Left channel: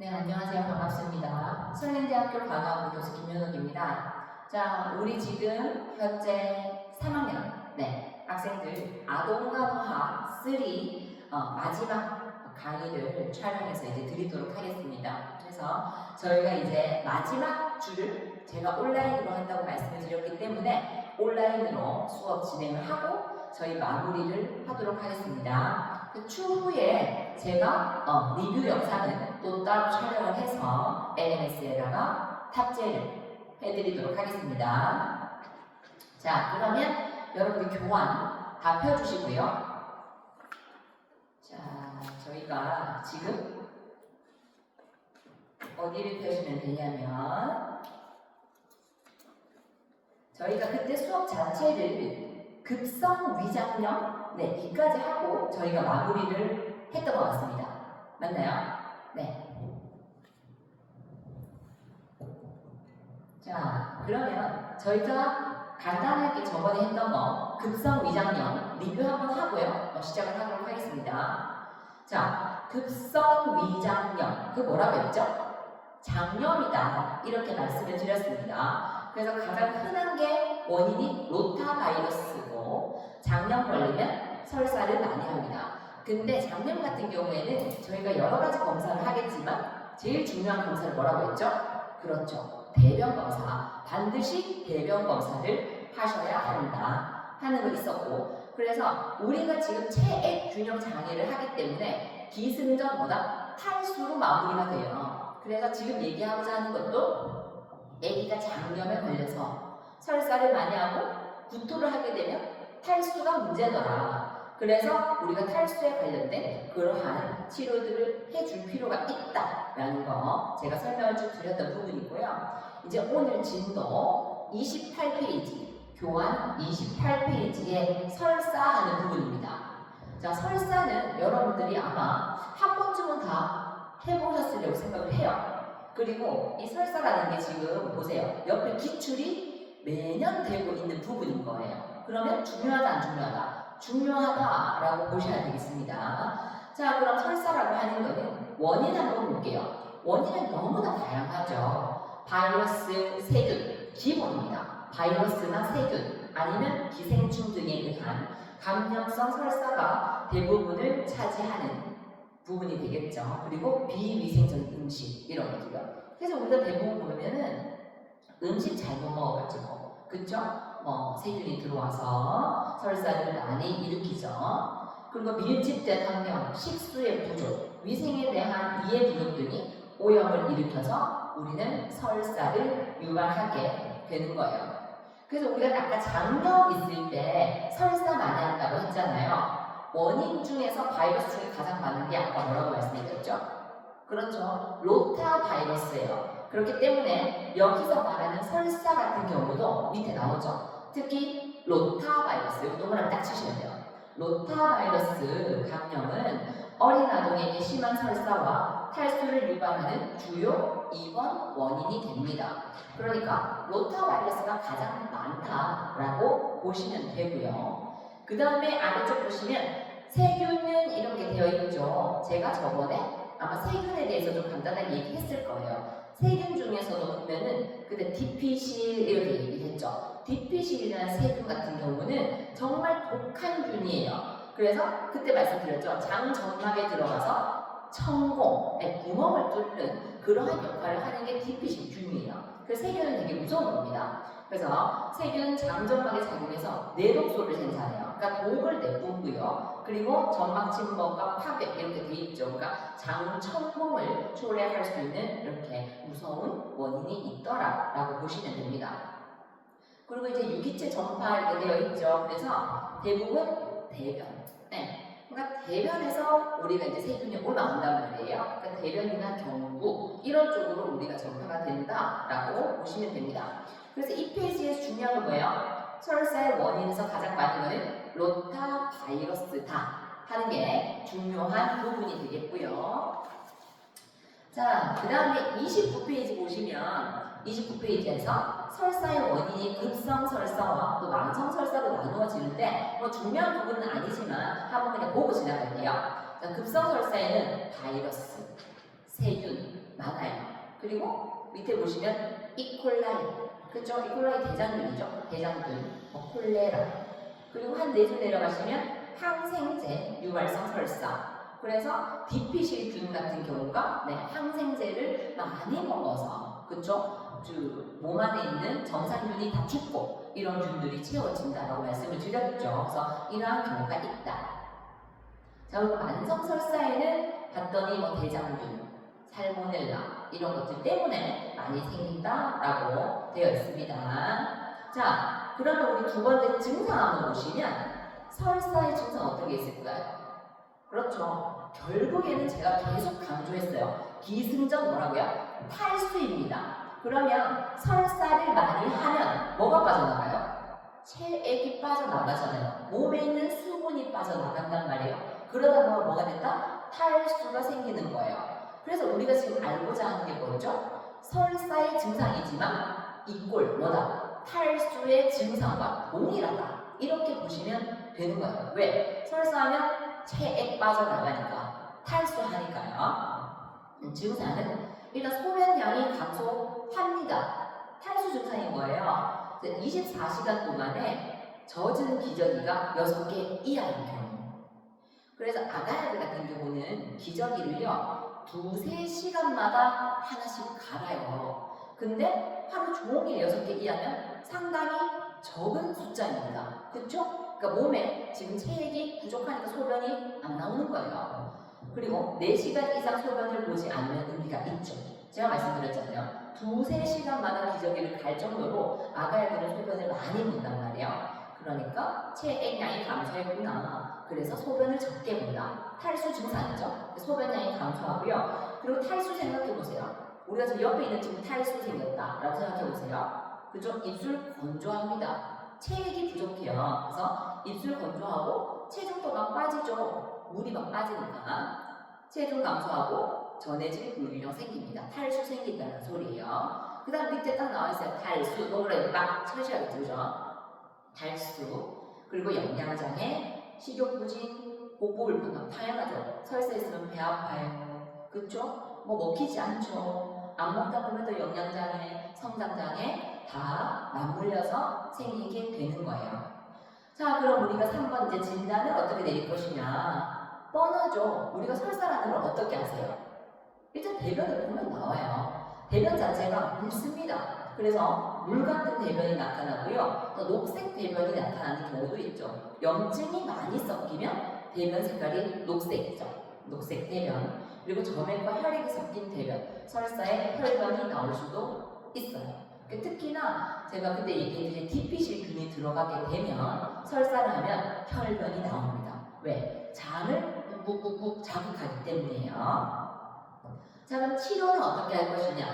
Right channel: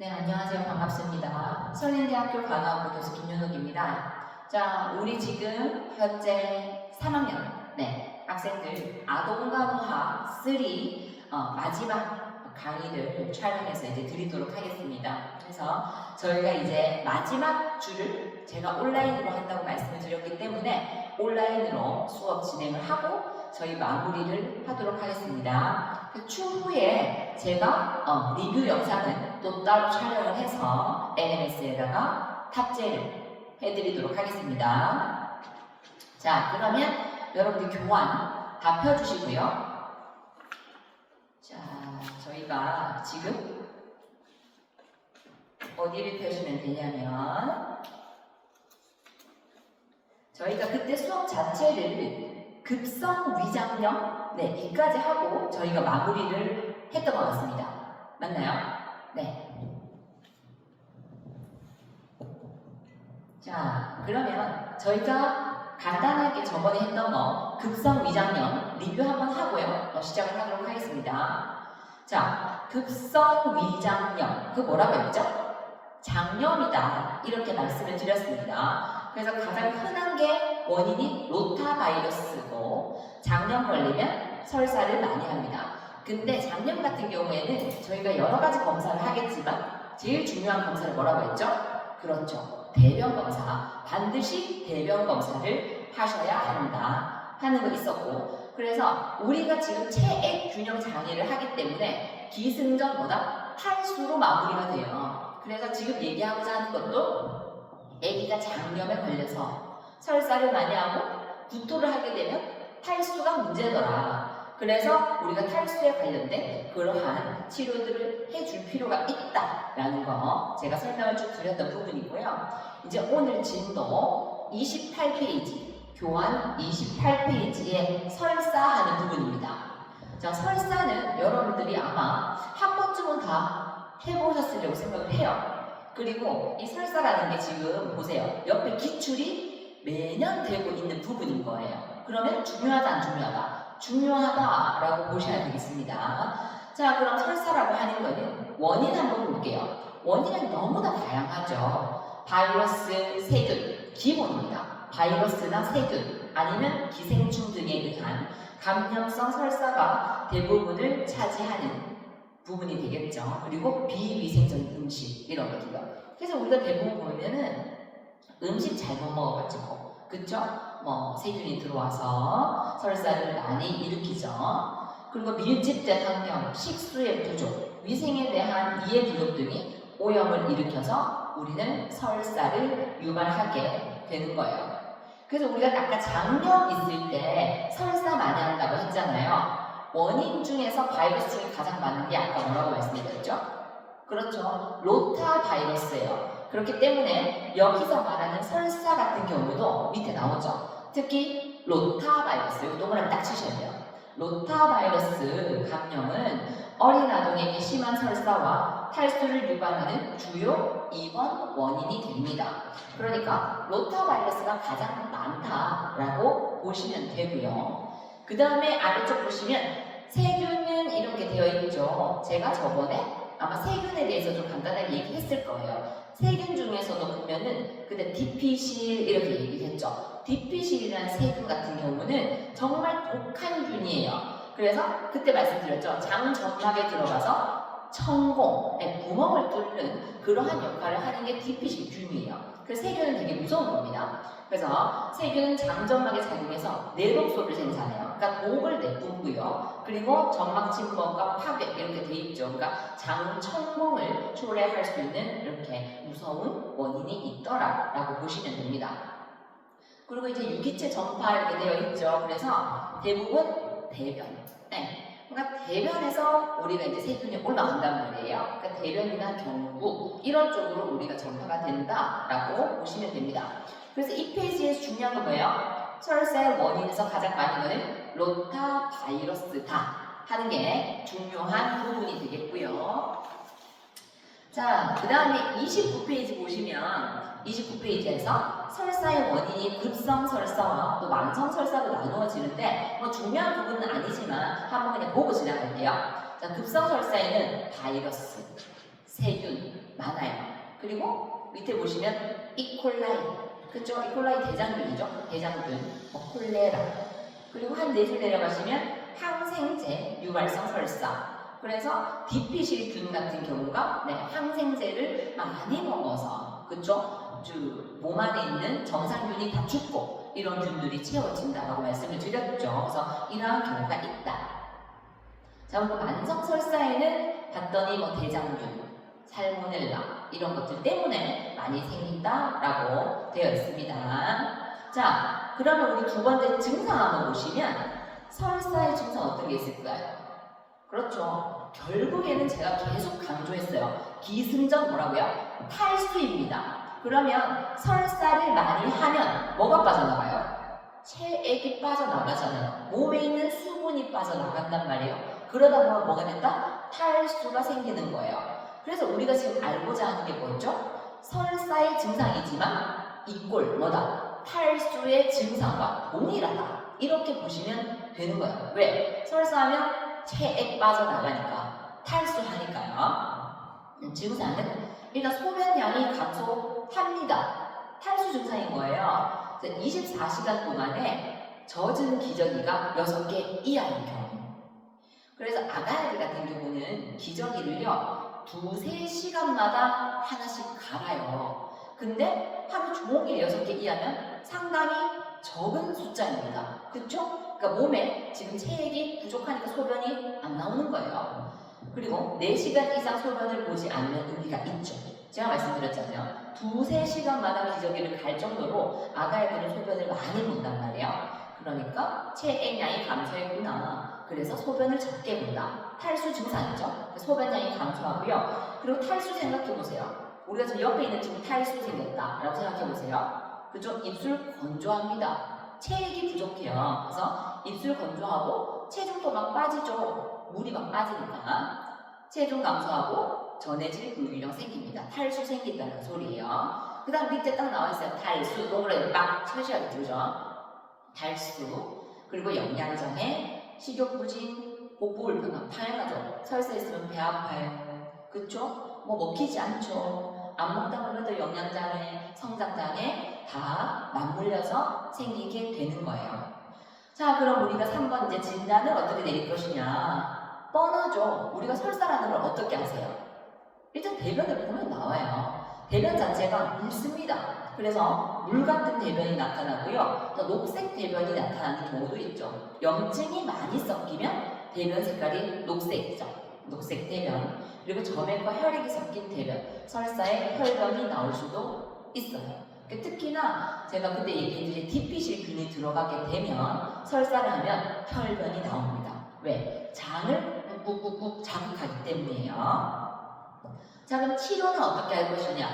네, 안녕하세요. 반갑습니다. 설린대학교 간호학부 교수 김윤옥입니다. 자, 우리 지금 현재 3학년 학생들 아동간호학 3 마지막 강의를 촬영해서 이제 드리도록 하겠습니다. 그래서 저희가 이제 마지막 주를 제가 온라인으로 한다고 말씀을 드렸기 때문에 온라인으로 수업 진행을 하고 저희 마무리를 하도록 하겠습니다. 그 추후에 제가 리뷰 영상은 또 따로 촬영을 해서 NMS에다가 탑재를 해드리도록 하겠습니다. 자, 그러면 여러분들 교환 다 펴주시고요. 자, 저희가 지금 어디를 펴시면 되냐면 저희가 그때 수업 자체를 급성 위장염 이까지 하고 저희가 마무리를 했던 것 같습니다. 맞나요? 네. 자, 그러면 저희가 간단하게 저번에 했던 거 급성 위장염 리뷰 한번 하고요. 시작을 하도록 하겠습니다. 자, 급성 위장염 그 뭐라고 했죠? 장염이다 이렇게 말씀을 드렸습니다. 그래서 가장 흔한 게 원인이 로타바이러스고 장염 걸리면 설사를 많이 합니다. 근데 장염 같은 경우에는 저희가 여러 가지 검사를 하겠지만 제일 중요한 검사를 뭐라고 했죠? 그렇죠. 대변 검사. 반드시 대변 검사를 하셔야 한다 하는 거 있었고, 그래서 우리가 지금 체액 균형 장애를 하기 때문에 기승전보다 탈수로 마무리가 돼요. 그래서 지금 얘기하고자 하는 것도 아기가 장염에 걸려서 설사를 많이 하고 구토를 하게 되면 탈수가 문제더라. 그래서 우리가 탈수에 관련된 그러한 치료들을 해줄 필요가 있다라는 거 제가 설명을 쭉 드렸던 부분이고요. 이제 오늘 진도 28페이지, 교환 28페이지에 설사하는 부분입니다. 자, 설사는 여러분들이 아마 한 번쯤은 다 해보셨으려고 생각을 해요. 그리고 이 설사라는 게 지금 보세요. 옆에 기출이 매년 되고 있는 부분인 거예요. 그러면 중요하다 안 중요하다? 중요하다라고 보셔야 되겠습니다. 자, 그럼 설사라고 하는 거는 원인 한번 볼게요. 원인은 너무나 다양하죠. 바이러스, 세균, 기본입니다. 바이러스나 세균, 아니면 기생충 등에 의한 감염성 설사가 대부분을 차지하는 부분이 되겠죠. 그리고 비위생적인 음식, 이런 것들요. 그래서 우리가 대부분 보면은 음식 잘못 먹어가지고, 그쵸? 세균이 들어와서 설사를 많이 일으키죠. 그리고 밀집된 환경, 식수의 부족, 위생에 대한 이해 부족 등이 오염을 일으켜서 우리는 설사를 유발하게 되는 거예요. 그래서 우리가 아까 장염 있을 때 설사 많이 한다고 했잖아요. 원인 중에서 바이러스 중에 가장 많은 게 아까 뭐라고 말씀드렸죠? 그렇죠. 로타 바이러스예요. 그렇기 때문에 여기서 말하는 설사 같은 경우도 밑에 나오죠. 특히 로타 바이러스, 이거 동그라미 딱 치셔야 돼요. 로타 바이러스 감염은 어린 아동에게 심한 설사와 탈수를 유발하는 주요 입원 원인이 됩니다. 그러니까 로타 바이러스가 가장 많다라고 보시면 되고요. 그 다음에 아래쪽 보시면 세균은 이렇게 되어 있죠. 제가 저번에 아마 세균에 대해서 좀 간단하게 얘기했을 거예요. 세균 중에서도 보면은 그때 디피실 이렇게 얘기했죠. 디피실이라는 세균 같은 경우는 정말 독한 균이에요. 그래서 그때 말씀드렸죠. 장 점막에 들어가서 천공, 구멍을 뚫는 그러한 역할을 하는 게 디피실 균이에요. 그래서 세균은 되게 무서운 겁니다. 그래서 세균은 장점막에 작용해서 내독소를 생산해요. 그러니까 독을 내뿜고요. 그리고 점막 침범과 파괴 이렇게 돼 있죠. 그러니까 장천공을 초래할 수 있는 이렇게 무서운 원인이 있더라라고 보시면 됩니다. 그리고 이제 유기체 전파 이렇게 되어 있죠. 그래서 대부분 대변. 그러니까 대변에서 우리가 이제 세균이 올라간단 말이에요. 그러니까 대변이나 경부 이런 쪽으로 우리가 전파가 된다라고 보시면 됩니다. 그래서 이 페이지에서 중요한 건 뭐예요? 설사의 원인에서 가장 많은 거는 로타 바이러스다 하는 게 중요한 부분이 되겠고요. 자, 그 다음에 29페이지 보시면 29페이지에서 설사의 원인이 급성 설사와 또 만성 설사로 나누어지는데 중요한 부분은 아니지만 한번 그냥 보고 지나갈게요. 자, 급성 설사에는 바이러스, 세균, 많아요. 그리고 밑에 보시면 이콜라이, 그쵸? 이콜라이 대장균이죠. 대장균, 뭐 콜레라. 그리고 한 4줄 내려가시면 항생제, 유발성 설사. 그래서 디피실균 같은 경우가 항생제를 많이 먹어서, 그쵸? 몸 안에 있는 정상균이 다 죽고 이런 균들이 채워진다고 말씀을 드렸죠. 그래서 이러한 경우가 있다. 자, 그리고 만성설사에는 봤더니 뭐 대장균, 살모넬라 이런 것들 때문에 많이 생긴다라고 되어 있습니다. 자, 그러면 우리 두 번째 증상 한번 보시면 설사의 증상 어떤 게 있을까요? 그렇죠. 결국에는 제가 계속 강조했어요. 기승전 뭐라고요? 탈수입니다. 그러면 설사를 많이 하면 뭐가 빠져나가요? 체액이 빠져나가잖아요. 몸에 있는 수분이 빠져나간단 말이에요. 그러다 보면 뭐가 된다? 탈수가 생기는 거예요. 그래서 우리가 지금 알고자 하는 게 뭐죠? 설사의 증상이지만 이꼴 뭐다? 탈수의 증상과 동일하다. 이렇게 보시면 되는 거예요. 왜? 설사하면 체액 빠져나가니까, 탈수하니까요. 증상은 일단 소변량이 감소합니다. 탈수 증상인 거예요. 24시간 동안에 젖은 기저귀가 6개 이하인 경우. 그래서 아가야들 같은 경우는 기저귀를요 2~3시간마다 하나씩 갈아요. 근데 하루 종일 6개 이하면 상당히 적은 숫자입니다. 그쵸? 그러니까 몸에 지금 체액이 부족하니까 소변이 안 나오는 거예요. 그리고 4시간 이상 소변을 보지 않으면 의미가 있죠. 제가 말씀드렸잖아요. 2~3시간마다 기저귀를 갈 정도로 아가야들은 소변을 많이 본단 말이에요. 그러니까 체액량이 감소했구나. 그래서 소변을 적게 본다. 탈수 증상이죠. 소변량이 감소하고요. 그리고 탈수 생각해보세요. 우리가 저 옆에 있는 지금 탈수 생겼다 라고 생각해보세요. 그죠? 입술 건조합니다. 체액이 부족해요. 그래서 입술 건조하고 체중도 막 빠지죠. 물이 막 빠지니까 체중 감소하고 전해질 불균형 생깁니다. 탈수 생긴다는 소리예요. 그 다음 밑에 딱 나와있어요. 탈수, 동그라미 막 쳐셔야 되죠. 탈수, 그리고 영양장애, 식욕부진, 복부불편함 당연하죠. 설사 있으면 배 아파요. 그쵸? 뭐 먹히지 않죠. 안 먹다 보면 또 영양장애, 성장장애 다 맞물려서 생기게 되는 거예요. 자, 그럼 우리가 3번 이제 진단을 어떻게 내릴 것이냐. 뻔하죠. 우리가 설사라는 걸 어떻게 아세요? 일단 대변을 보면 나와요. 대변 자체가 묽습니다. 그래서 물 같은 대변이 나타나고요. 또 녹색 대변이 나타나는 경우도 있죠. 염증이 많이 섞이면 대변 색깔이 녹색이죠. 녹색 대변. 그리고 점액과 혈액이 섞인 대변. 설사에 혈변이 나올 수도 있어요. 특히나 제가 그때 얘기했듯이 디피실균이 들어가게 되면 설사를 하면 혈변이 나옵니다. 왜? 장을 꾹꾹꾹 자극하기 때문이에요. 자, 그럼 치료는 어떻게 할 것이냐?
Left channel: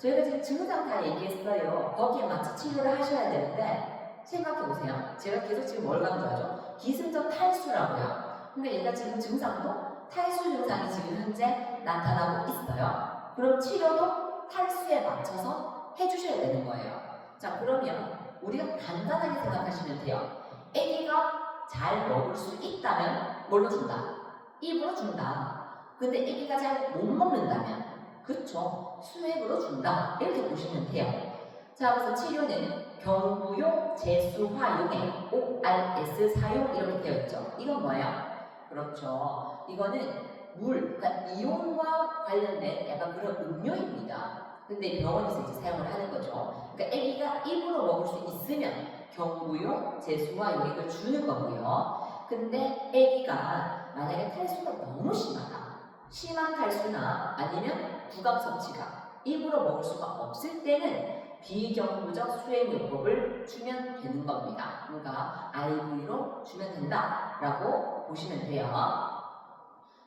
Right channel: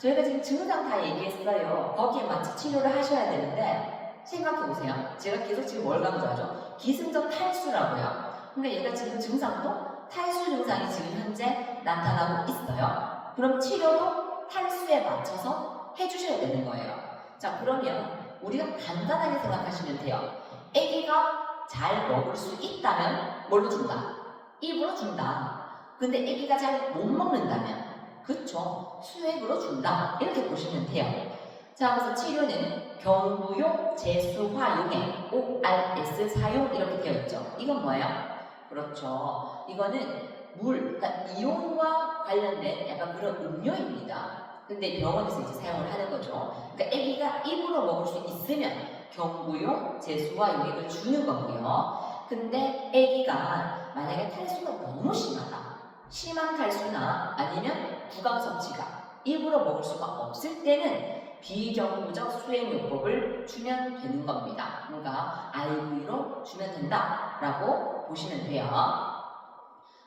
저희가 지금 증상 다 얘기했어요. 거기에 맞춰 치료를 하셔야 되는데 생각해보세요. 제가 계속 지금 뭘 강조하죠? 기승전 탈수라고요. 그러니까 얘가 지금 증상도 탈수 증상이 지금 현재 나타나고 있어요. 그럼 치료도 탈수에 맞춰서 해주셔야 되는 거예요. 자, 그러면 우리가 간단하게 생각하시면 돼요. 아기가 잘 먹을 수 있다면 뭘로 준다? 입으로 준다. 근데 아기가 잘 못 먹는다면 그쵸? 수액으로 준다. 이렇게 보시면 돼요. 자, 그래서 치료는 경부용, 제수화용액, ORS 사용 이렇게 되어 있죠. 이건 뭐예요? 그렇죠. 이거는 물, 그러니까 이온과 관련된 약간 그런 음료입니다. 근데 병원에서 이제 사용을 하는 거죠. 그러니까 아기가 입으로 먹을 수 있으면 경부용, 제수화용액을 주는 거고요. 근데 아기가 만약에 탈수가 너무 심하다. 심한 탈수나 아니면 부강 섭취가 입으로 먹을 수가 없을 때는 비경부적 수행요법을 주면 되는 겁니다. 그러니까 IV로 주면 된다라고 보시면 돼요.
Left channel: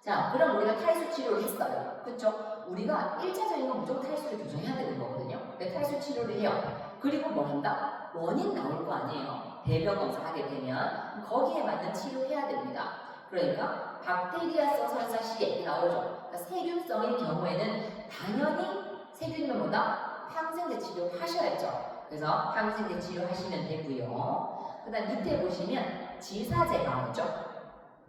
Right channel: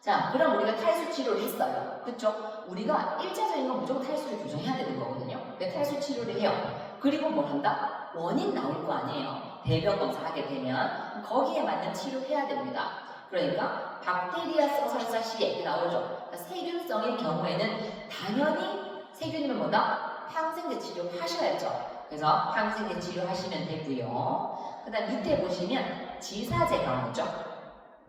자, 그럼 우리가 탈수 치료를 했어요. 그쵸? 우리가 1차적인 건 무조건 탈수를 교정해야 되는 거거든요. 근데 탈수 치료를 해요. 그리고 뭘 한다? 원인 나올 거 아니에요. 대변 검사하게 되면 거기에 맞는 치료해야 됩니다. 그러니까 박테리아성 설사 시에 나오죠. 그러니까 세균성일 경우에는 당연히 세균이면 뭐다? 항생제 치료 하셔야죠. 그래서 항생제 치료 하시면 되고요. 그 다음 밑에 보시면 지사제가 나오죠.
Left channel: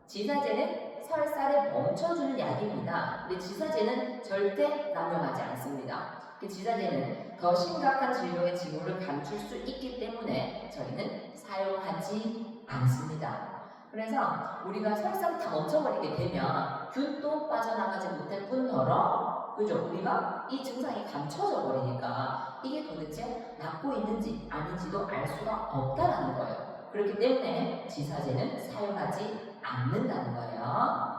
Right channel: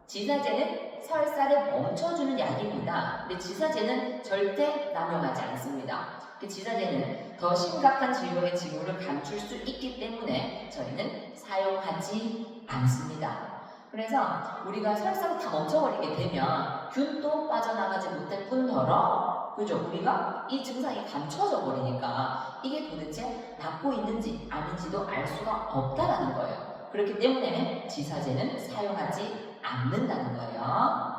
지사제는 설사를 멈춰주는 약입니다. 근데 지사제는 절대 남용하지 않습니다. 지사제는 더 심각한 질병의 징후를 감출 수 있기 때문에 저희는 사용하지 않습니다. 그래서 우리가 설사를 다 멈춰버리게 되면 균도 빠져나가지 못할 뿐더러, 그죠? 우리가 이 증상이 감춰져 버리니까 이게 도대체 낫고 있는지 아닌지도 알 수가 없다라는 거예요. 그렇기 때문에 지사제는 사용하지 않는다는 거예요.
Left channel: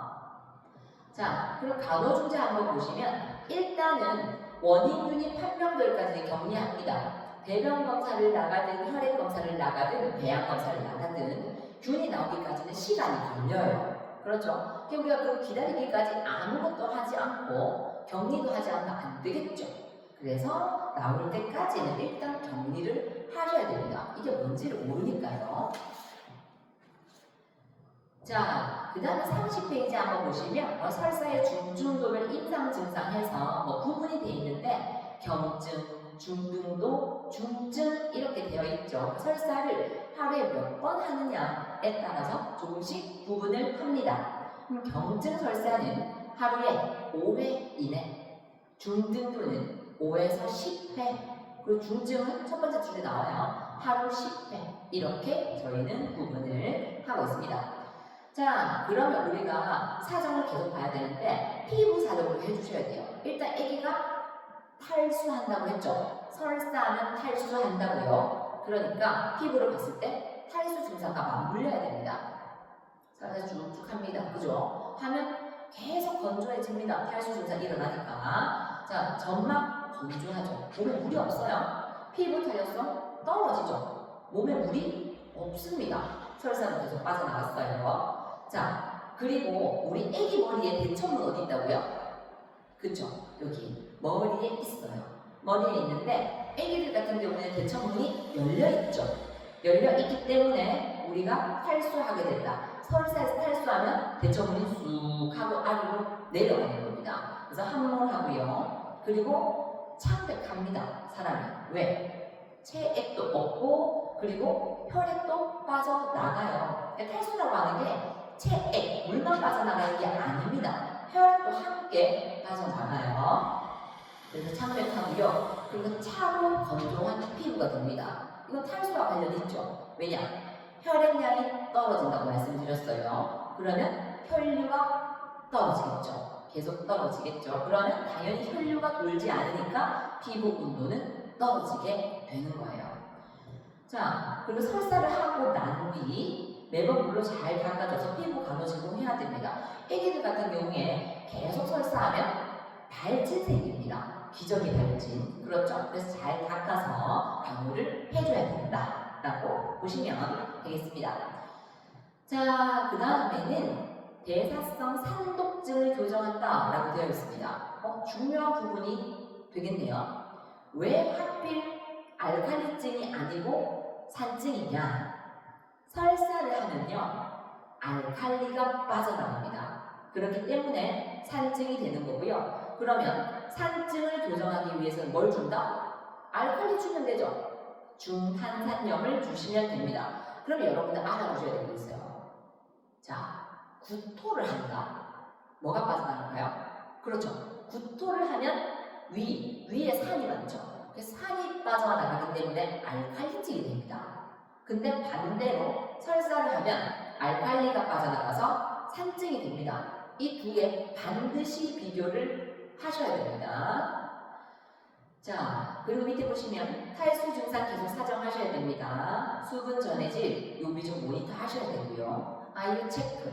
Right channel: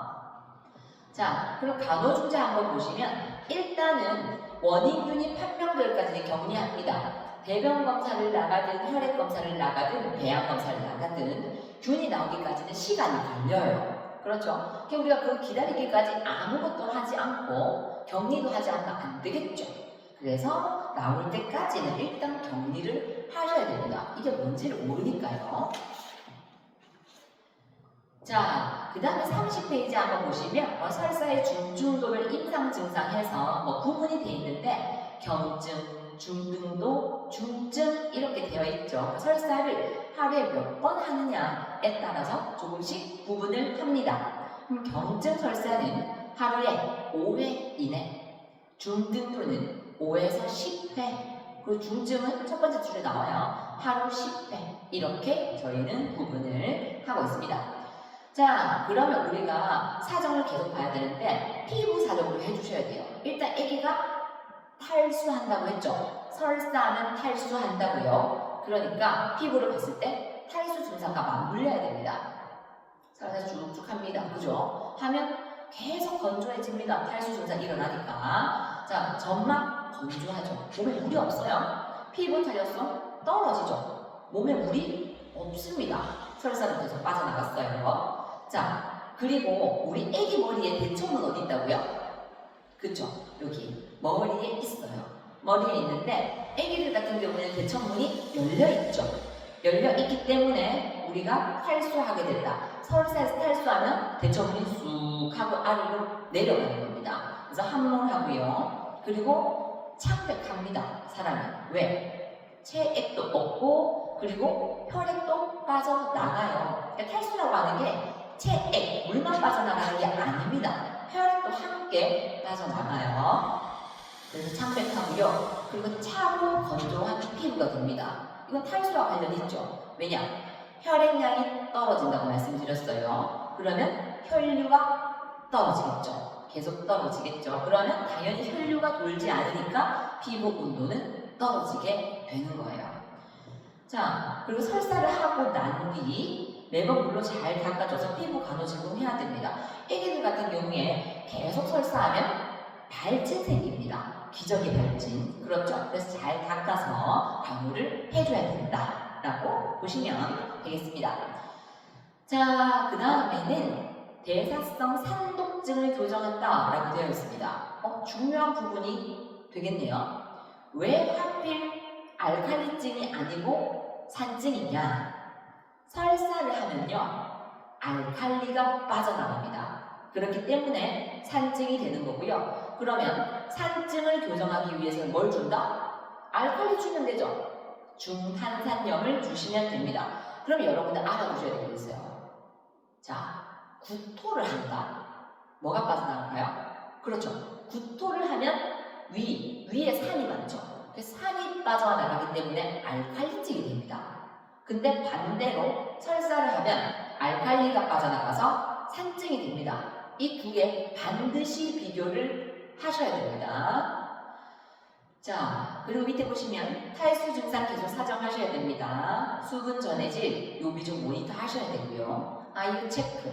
자, 그럼 간호주제 한번 보시면 일단은 원인균이 판명될까지는 격리합니다. 대변 검사를 나가든 혈액 검사를 나가든 배양 검사를 나가든 균이 나오기까지는 시간이 걸려요. 그렇죠? 그럼 우리가 그 기다리기까지 아무것도 하지 않고 격리도 하지 않으면 안 되겠죠. 그래서 나올 때까지는 일단 격리를 하셔야 됩니다. 이게 뭔지를 모르니까요. 자, 그 다음에 30페이지 한번 보시면 설사의 중증도를 임상 증상해서 구분이 되어 있는데 경증, 중등도, 중증 이렇게 되어 있죠. 설사를 하루에 몇 번 하느냐에 따라서 조금씩 구분을 합니다. 그럼 경증 설사는 하루에 5회 이내, 중등도는 5에서 10회, 그리고 중증은 첫 번째 줄에 나와요. 하루 10회 이렇게 저희는 구분을 하고 있습니다. 자, 그러면 우리가 사정을 계속 봐야 되는데 피부 사정으로 해주셔야 돼요. 일단 아기가 탈수한다고 했죠. 설사는 탈수한다고요. 그러니까 피부를 봤을 때 탈수 증상과 맞물려야 됩니다. 설사 쭉쭉합니다. 그죠? 하면 계속 건조해집니다. 탈수 증상 일어나니까. 자, 점막 건조하죠. 몸에 물이 없어요. 피부 탄력성 떨어지죠. 몸에 물이 없습니다. 설사는 계속 빠져나갔어요. 자, 그리고 우리 애기 머리에 대청은 어디 있다고요? 그쵸? 여기 머리에 있어요. 머리에 있는데 애기들 같은 경우에는 대청문이 열려있죠. 열려있기 때문에 우리가 탈수하게 된다. 설사에서 탈수하면 대청문이 쑥 하고 아래로 내려가는 겁니다. 그래서 함몰하고요. 그리고 창백합니다. 사람이. 왜? 체액도 없고 그리고 혈액도 빠져나가요. 그러니까 탈수라고 하는 게 체액, 물만 빠져나가는 게 아닙니다. 혈액도 함께 빠져나가요. 그래서 창백하고요. 그리고 차고 건조한 피부가 됩니다. 이건 탈수와 관련이 있죠. 왜냐? 혈액량이 떨어진다고 말씀드렸어요. 그러면 혈류가 떨어지겠죠. 계속 떨어지겠죠. 그러면 당연히 혈류가 돌지 않으니까 피부 온도는 떨어지게 되는 거예요. 자, 그리고 설사를 하고 난 뒤 매번 물로 잘 닦아줘서 피부 간호 제공해야 됩니다. 애기들 같은 경우에 계속 설사하면 발진 생깁니다. 기저귀 발진. 그렇죠? 그래서 잘 닦아서 간호를 해줘야 된다라고 보시면 되겠습니다. 자, 그 다음에는 대사성 산독증을 교정한다라고 되어 있습니다. 중요한 부분이 되겠네요. 왜 하필 알칼리증이 아니고 산증이냐? 설사를 하면요, 알칼리가 빠져나갑니다. 그렇기 때문에 산증이 되는 거고요. 그러면 산증을 교정하기 위해서는 뭘 준다? 알칼리 주면 되죠. 중탄산염을 주시면 됩니다. 그럼 여러분들 알아두셔야 될 게 있어요. 자, 구토를 한다. 뭐가 빠져나갈까요? 그렇죠. 구토를 하면 위에 산이 많죠. 산이 빠져나가기 때문에 알칼리증이 됩니다. 근데 반대로 설사를 하면 알칼리가 빠져나가서 산증이 됩니다. 이 두 개 반드시 비교를 하셔야 됩니다. 자, 그리고 밑에 보시면 탈수 증상 계속 사정하셔야 됩니다. 수분 전해질, 요비종 모니터 하셔야 되고요. 아유 체크,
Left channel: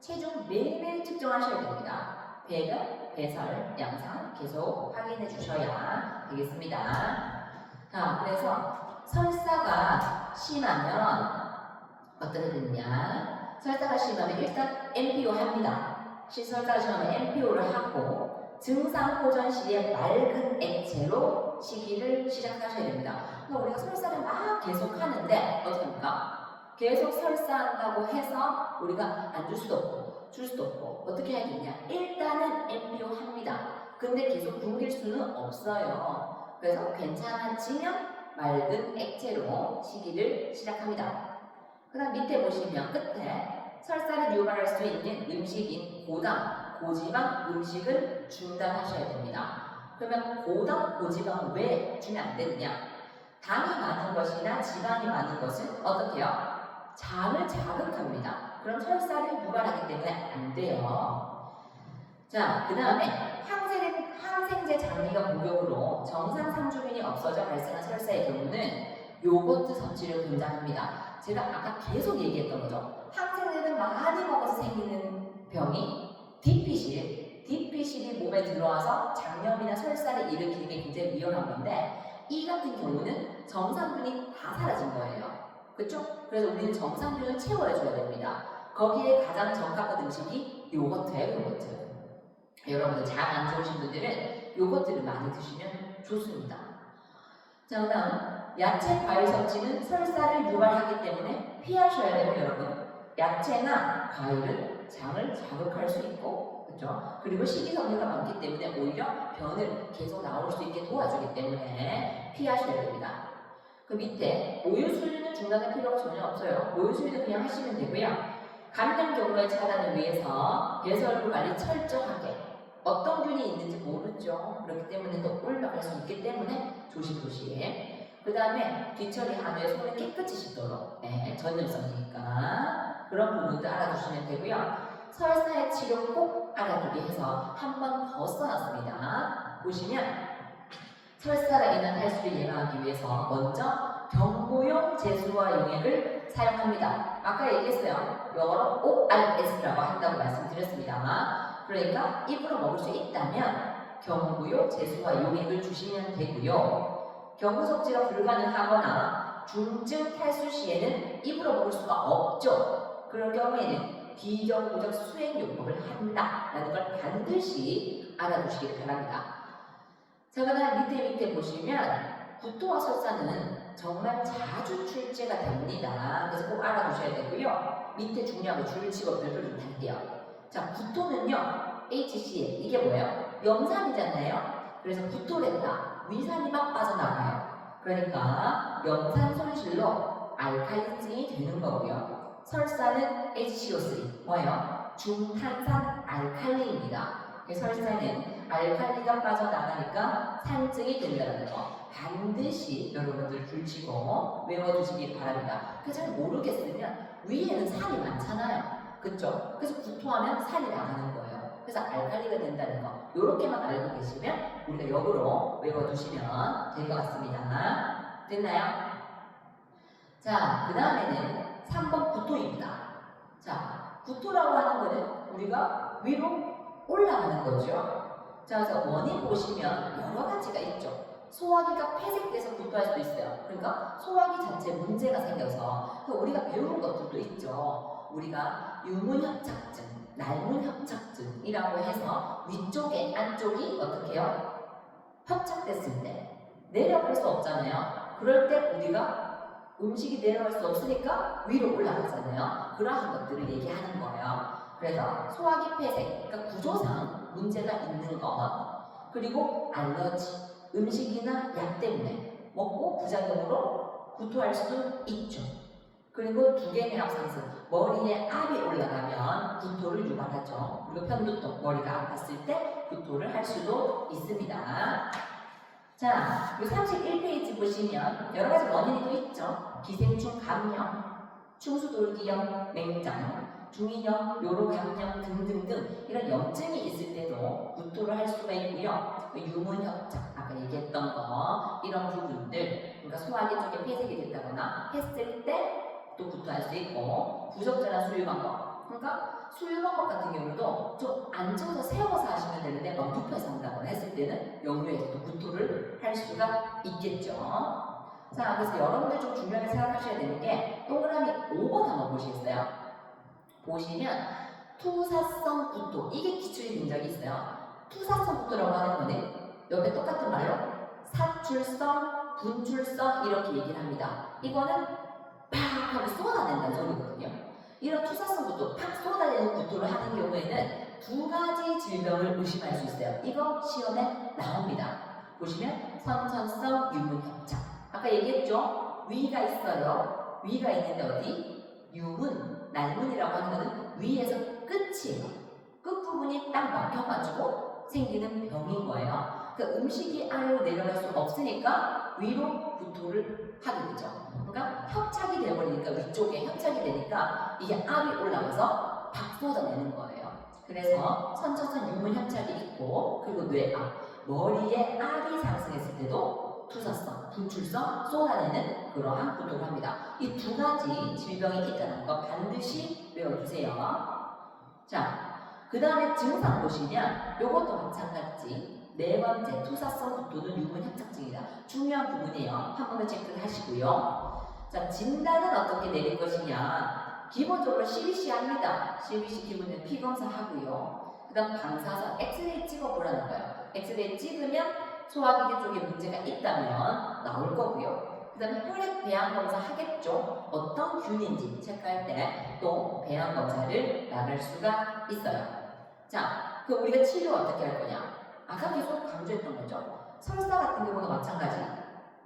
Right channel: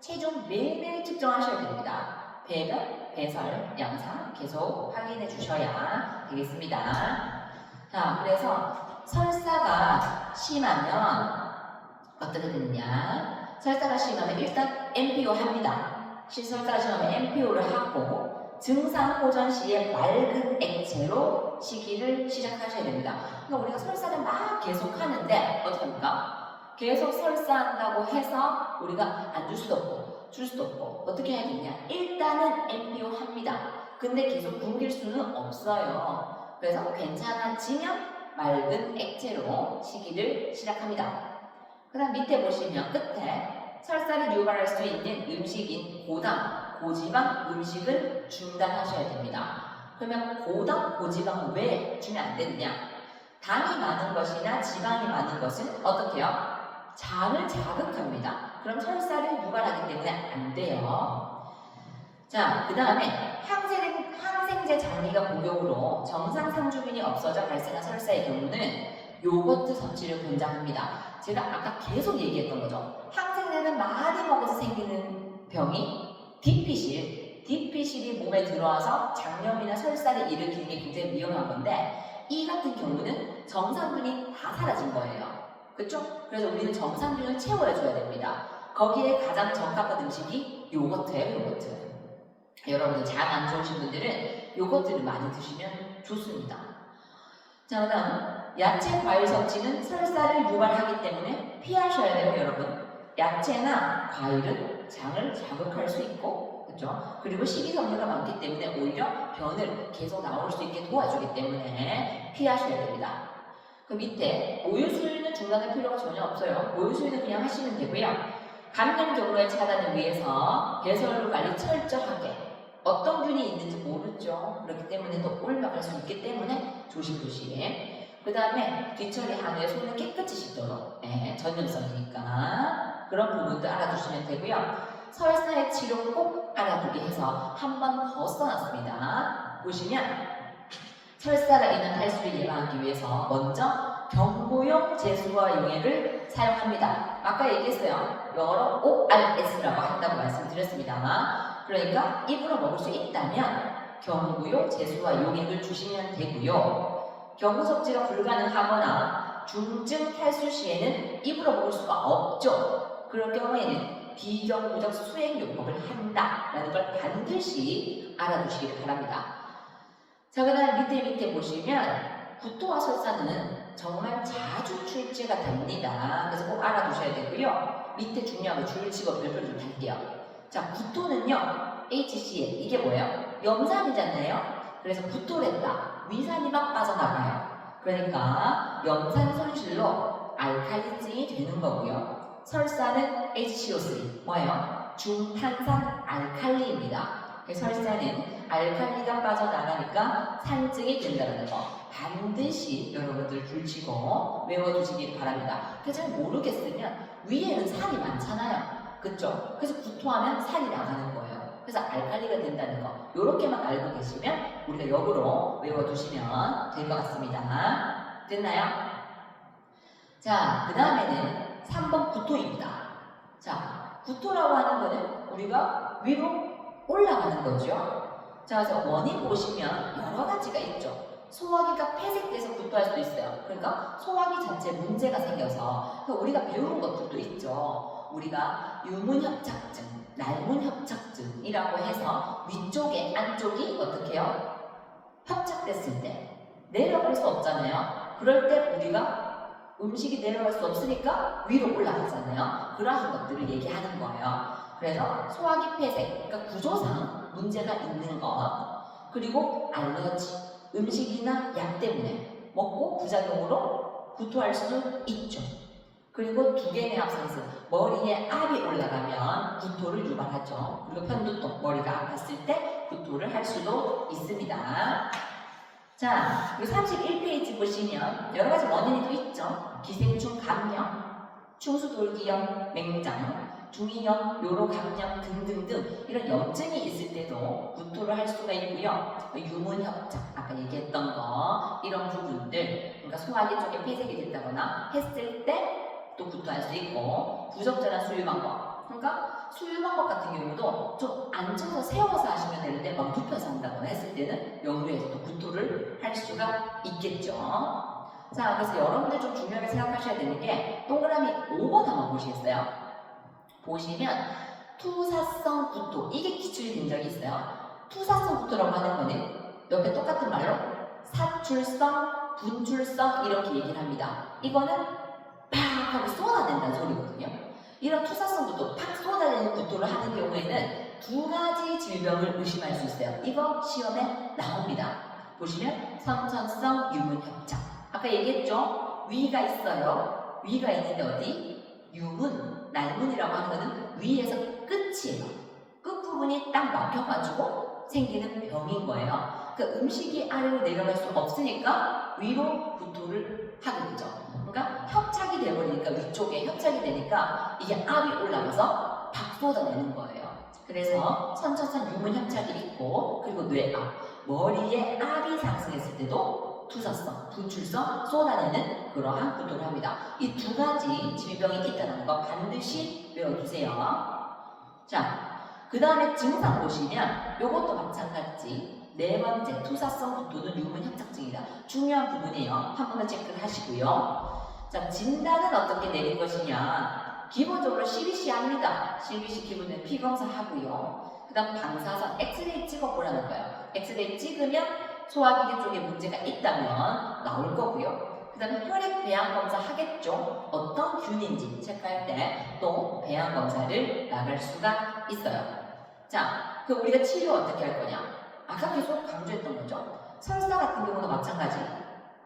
체중 매일매일 측정하셔야 됩니다. 배변, 배설, 양상 계속 확인해 주셔야 되겠습니다. 자, 그래서 설사가 심하면 어떻게 되느냐? 설사가 심하면 일단 MPO 합니다. 설사가 심하면 MPO를 하고 증상 호전 시에 맑은 액체로 시기를 시작하셔야 됩니다. 그러니까 우리가 설사를 막 계속 하는데 어떡합니까? 계속 설사한다고 해서 우리가 안 줄 수도 없고 줄 수도 없고 어떻게 해야 되냐? 일단은 MPO 합니다. 근데 계속 굶길 수는 없어요. 그래서 괜찮아지면 맑은 액체로 시기를 시작합니다. 그 다음 밑에 보시면 끝에 설사를 유발할 수 있는 음식인 고당, 고지방 음식을 중단하셔야 됩니다. 그러면 고당, 고지방 왜 주면 안 되느냐? 당이 많은 것이나 지방이 많은 것은 어떻게 해요? 장을 자극합니다. 그럼 설사를 유발하기 때문에 안 돼요. 자, 그 다음에 항생제 장기가 복용으로 정상 상주균이 없어져 발생한 설사의 경우는 요거트 섭취를 권장합니다. 제가 아까 계속 얘기했던 거죠. 항생제는 많이 먹어서 생기는 병이 디피실이 몸에 들어와서 장염이나 설사를 일으키는 게 굉장히 위험한 건데 이 같은 경우는 정상균이 다 사라진 거예요. 그렇죠? 그래서 우리는 정상균을 채워줘야 됩니다. 거기에 가장 적합한 음식이 요거트예요. 요거트. 여러분들 장 안 좋으신 분들은 요거트를 많이 드시면 좋습니다. 자, 그다음 야채, 과일 섭취는 설사를 유발하기 때문에 피하셔야 돼요, 여러분. 야채나 과일은 장을 자극할 수 있고, 그렇죠? 그리고 식이섬유가 많기 때문에 오히려 변을 계속 나올 수 있게 도와주기 때문에 피하셔야 됩니다. 그 밑에 모유수유는 중단할 필요가 전혀 없어요. 모유수유는 그냥 하시면 되고요. 감염 경로의 차단을 위해서 배설물 관리 철저하게. 어떤 균이 있는지 모르죠. 그렇기 때문에 또 올라갈 수 있기 때문에 조심조심. 그 다음에 뒤처리 한후에 손을 깨끗이 씻도록. 전염성이니까 그런 부분도 알아두시면 되고요. 설사의 치료 꼭 알아두게 해서 한 번 더 써놨습니다. 보시면 설사가 인한 탈수를 예방하기 위해서 먼저 경구용 제수와 용액을 사용합니다. 아까 얘기했어요. 영어로 ORS라고 한다고 말씀드렸습니다. 그러니까 입으로 먹을 수 있다면 경구용 제수와 용액을 주시면 되고요. 경구 섭취가 불가능하거나 중증 탈수 시에는 입으로 먹을 수가 없죠. 그럴 경우에는 비경구적 수액요법을 한다라는 걸 반드시 알아두시길 바랍니다. 자, 그 다음 밑에 보시면 구토와 설사는 정말 자주 출제가 됩니다. 그래서 꼭 알아두셔야 되고요. 밑에 중요한 거 줄치고 별표를 좀 달게요. 자, 구토는요, HCl, 이게 뭐예요? 염산이잖아요? 그래서 구토를 했다. 위산이 막 빠져나가요. 그러니까 염산 손실로 알칼리증이 되는 거고요. 설사는 HCO3, 뭐예요? 중탄산 알칼리입니다. 설사는 알칼리가 빠져나가니까 산증이 된다는 거 반드시 여러분들 줄치고 외워두시길 바랍니다. 그래서 잘 모르겠으면 위에는 산이 많잖아요. 그쵸? 그래서 구토하면 산이 나가는 거예요. 그래서 알칼리가 된다는 거 요렇게만 알고 계시면 우리가 역으로 외워두시면 될 것 같습니다. 됐나요? 자, 그 다음에는 3번 구토입니다. 자, 구토라고 하는 거는 우리가 위로 올라가는 거죠. 자, 그래서 원인 보시면 여러 가지가 있죠. 소화기가 폐색돼서 구토할 수도 있어요. 그러니까 소화기 자체에 문제가 생겨서 우리가 배우는 것들도 있죠. 우리가 유문협착증, 날문협착증이라고 해서 위쪽에 안쪽이 어떻게 해요? 협착됐을 때 내려갈 수 없잖아요. 그럴 때 우리가 음식이 내려갈 수 없으니까 위로 올라가잖아요. 그러한 것들을 얘기하는 거예요. 그래서 소화기 폐색, 그러니까 구조상 문제가 있는 것, 그리고 알러지, 음식이나 약 때문에 먹고 부작용으로 구토할 수 있죠. 그리고 두개내합상승, 머리에 압이 올라가면 구토를 유발하죠. 그리고 편두통, 머리가 아팠을 때 구토를 할 수도 있습니다. 자, 이 31페이지 보시면 여러 가지 원인이 또 있죠. 기생충 감염, 충수돌기염, 맹장, 중이염, 요로 감염 등등등 이런 염증이 있을 때도 구토를 할 수가 있고요. 유문협착, 아까 얘기했던 거 이런 부분들, 그러니까 소화기 쪽에 폐색이 됐다거나 했을 때 또 구토할 수 있고, 부적절한 수유 방법, 그러니까 수유 방법 같은 경우도 좀 앉아서 세워서 하시면 되는데 막 눕혀서 한다거나 했을 때는 역류해서 또 구토를 할 수가 있겠죠. 자, 그래서 여러분들 좀 중요하게 생각하셔야 되는 게 동그라미 5번 한번 보시겠어요? 보시면 투사성 구토, 이게 기출이 된 적이 있어요. 투사성 구토라고 하는 거는 옆에 똑같은 말로 사출성, 분출성 이렇게 얘기를 합니다. 이거는 팍 하고 쏟아낸다는 소리거든요. 이런 투사성 구토, 팍 쏟아내는 구토를 하는 경우에는 두 가지 질병을 의심할 수 있어요. 이거 시험에 나옵니다. 보시면 선천성 유문협착, 아까 얘기했죠? 위가 있어요. 위가 있는데 어디? 유문, 날문이라고 하는 거는 위에서 끝이에요. 끝부분이 딱 막혀가지고 생기는 병인 거예요. 그 음식이 아래로 내려갈 수 없으니까 위로 구토를 하게 되죠. 그러니까 협착이 돼버리니까 위쪽에 협착이 되니까 이게 압이 올라가서 팍 쏟아내는 거예요. 그래서 선천성 유문 협착이 있고 그리고 뇌압, 머리에 압이 상승했을 때도 투사성, 분출성 쏟아내는 그러한 구토를 합니다. 이 두 가지 질병이 있다는 거 반드시 외워두세요. 자, 그 다음에 증상 보시면 이것도 마찬가지. 네 번째, 투사성 구토는 유문 협착증이다. 중요한 부분이에요. 한 번 더 체크를 하시고요. 자, 진단은 어떻게 내릴 것이냐. 기본적으로 CBC 합니다. CBC 기본적으로 피검사 하고요. 그 다음 방사선, 엑스레이 찍어보라는 거예요. 엑스레이 찍으면 소화기계 쪽에 문제가 있다면 나올 거고요. 그 다음에 혈액 배양 검사 하겠죠. 어떤 균인지 체크할 때 또 배양 검사를 나갈 수가 있어요. 자, 그 우리가 치료 어떻게 할 거냐? 아까 계속 강조했던 거죠. 설사 같은 경우도 마찬가지.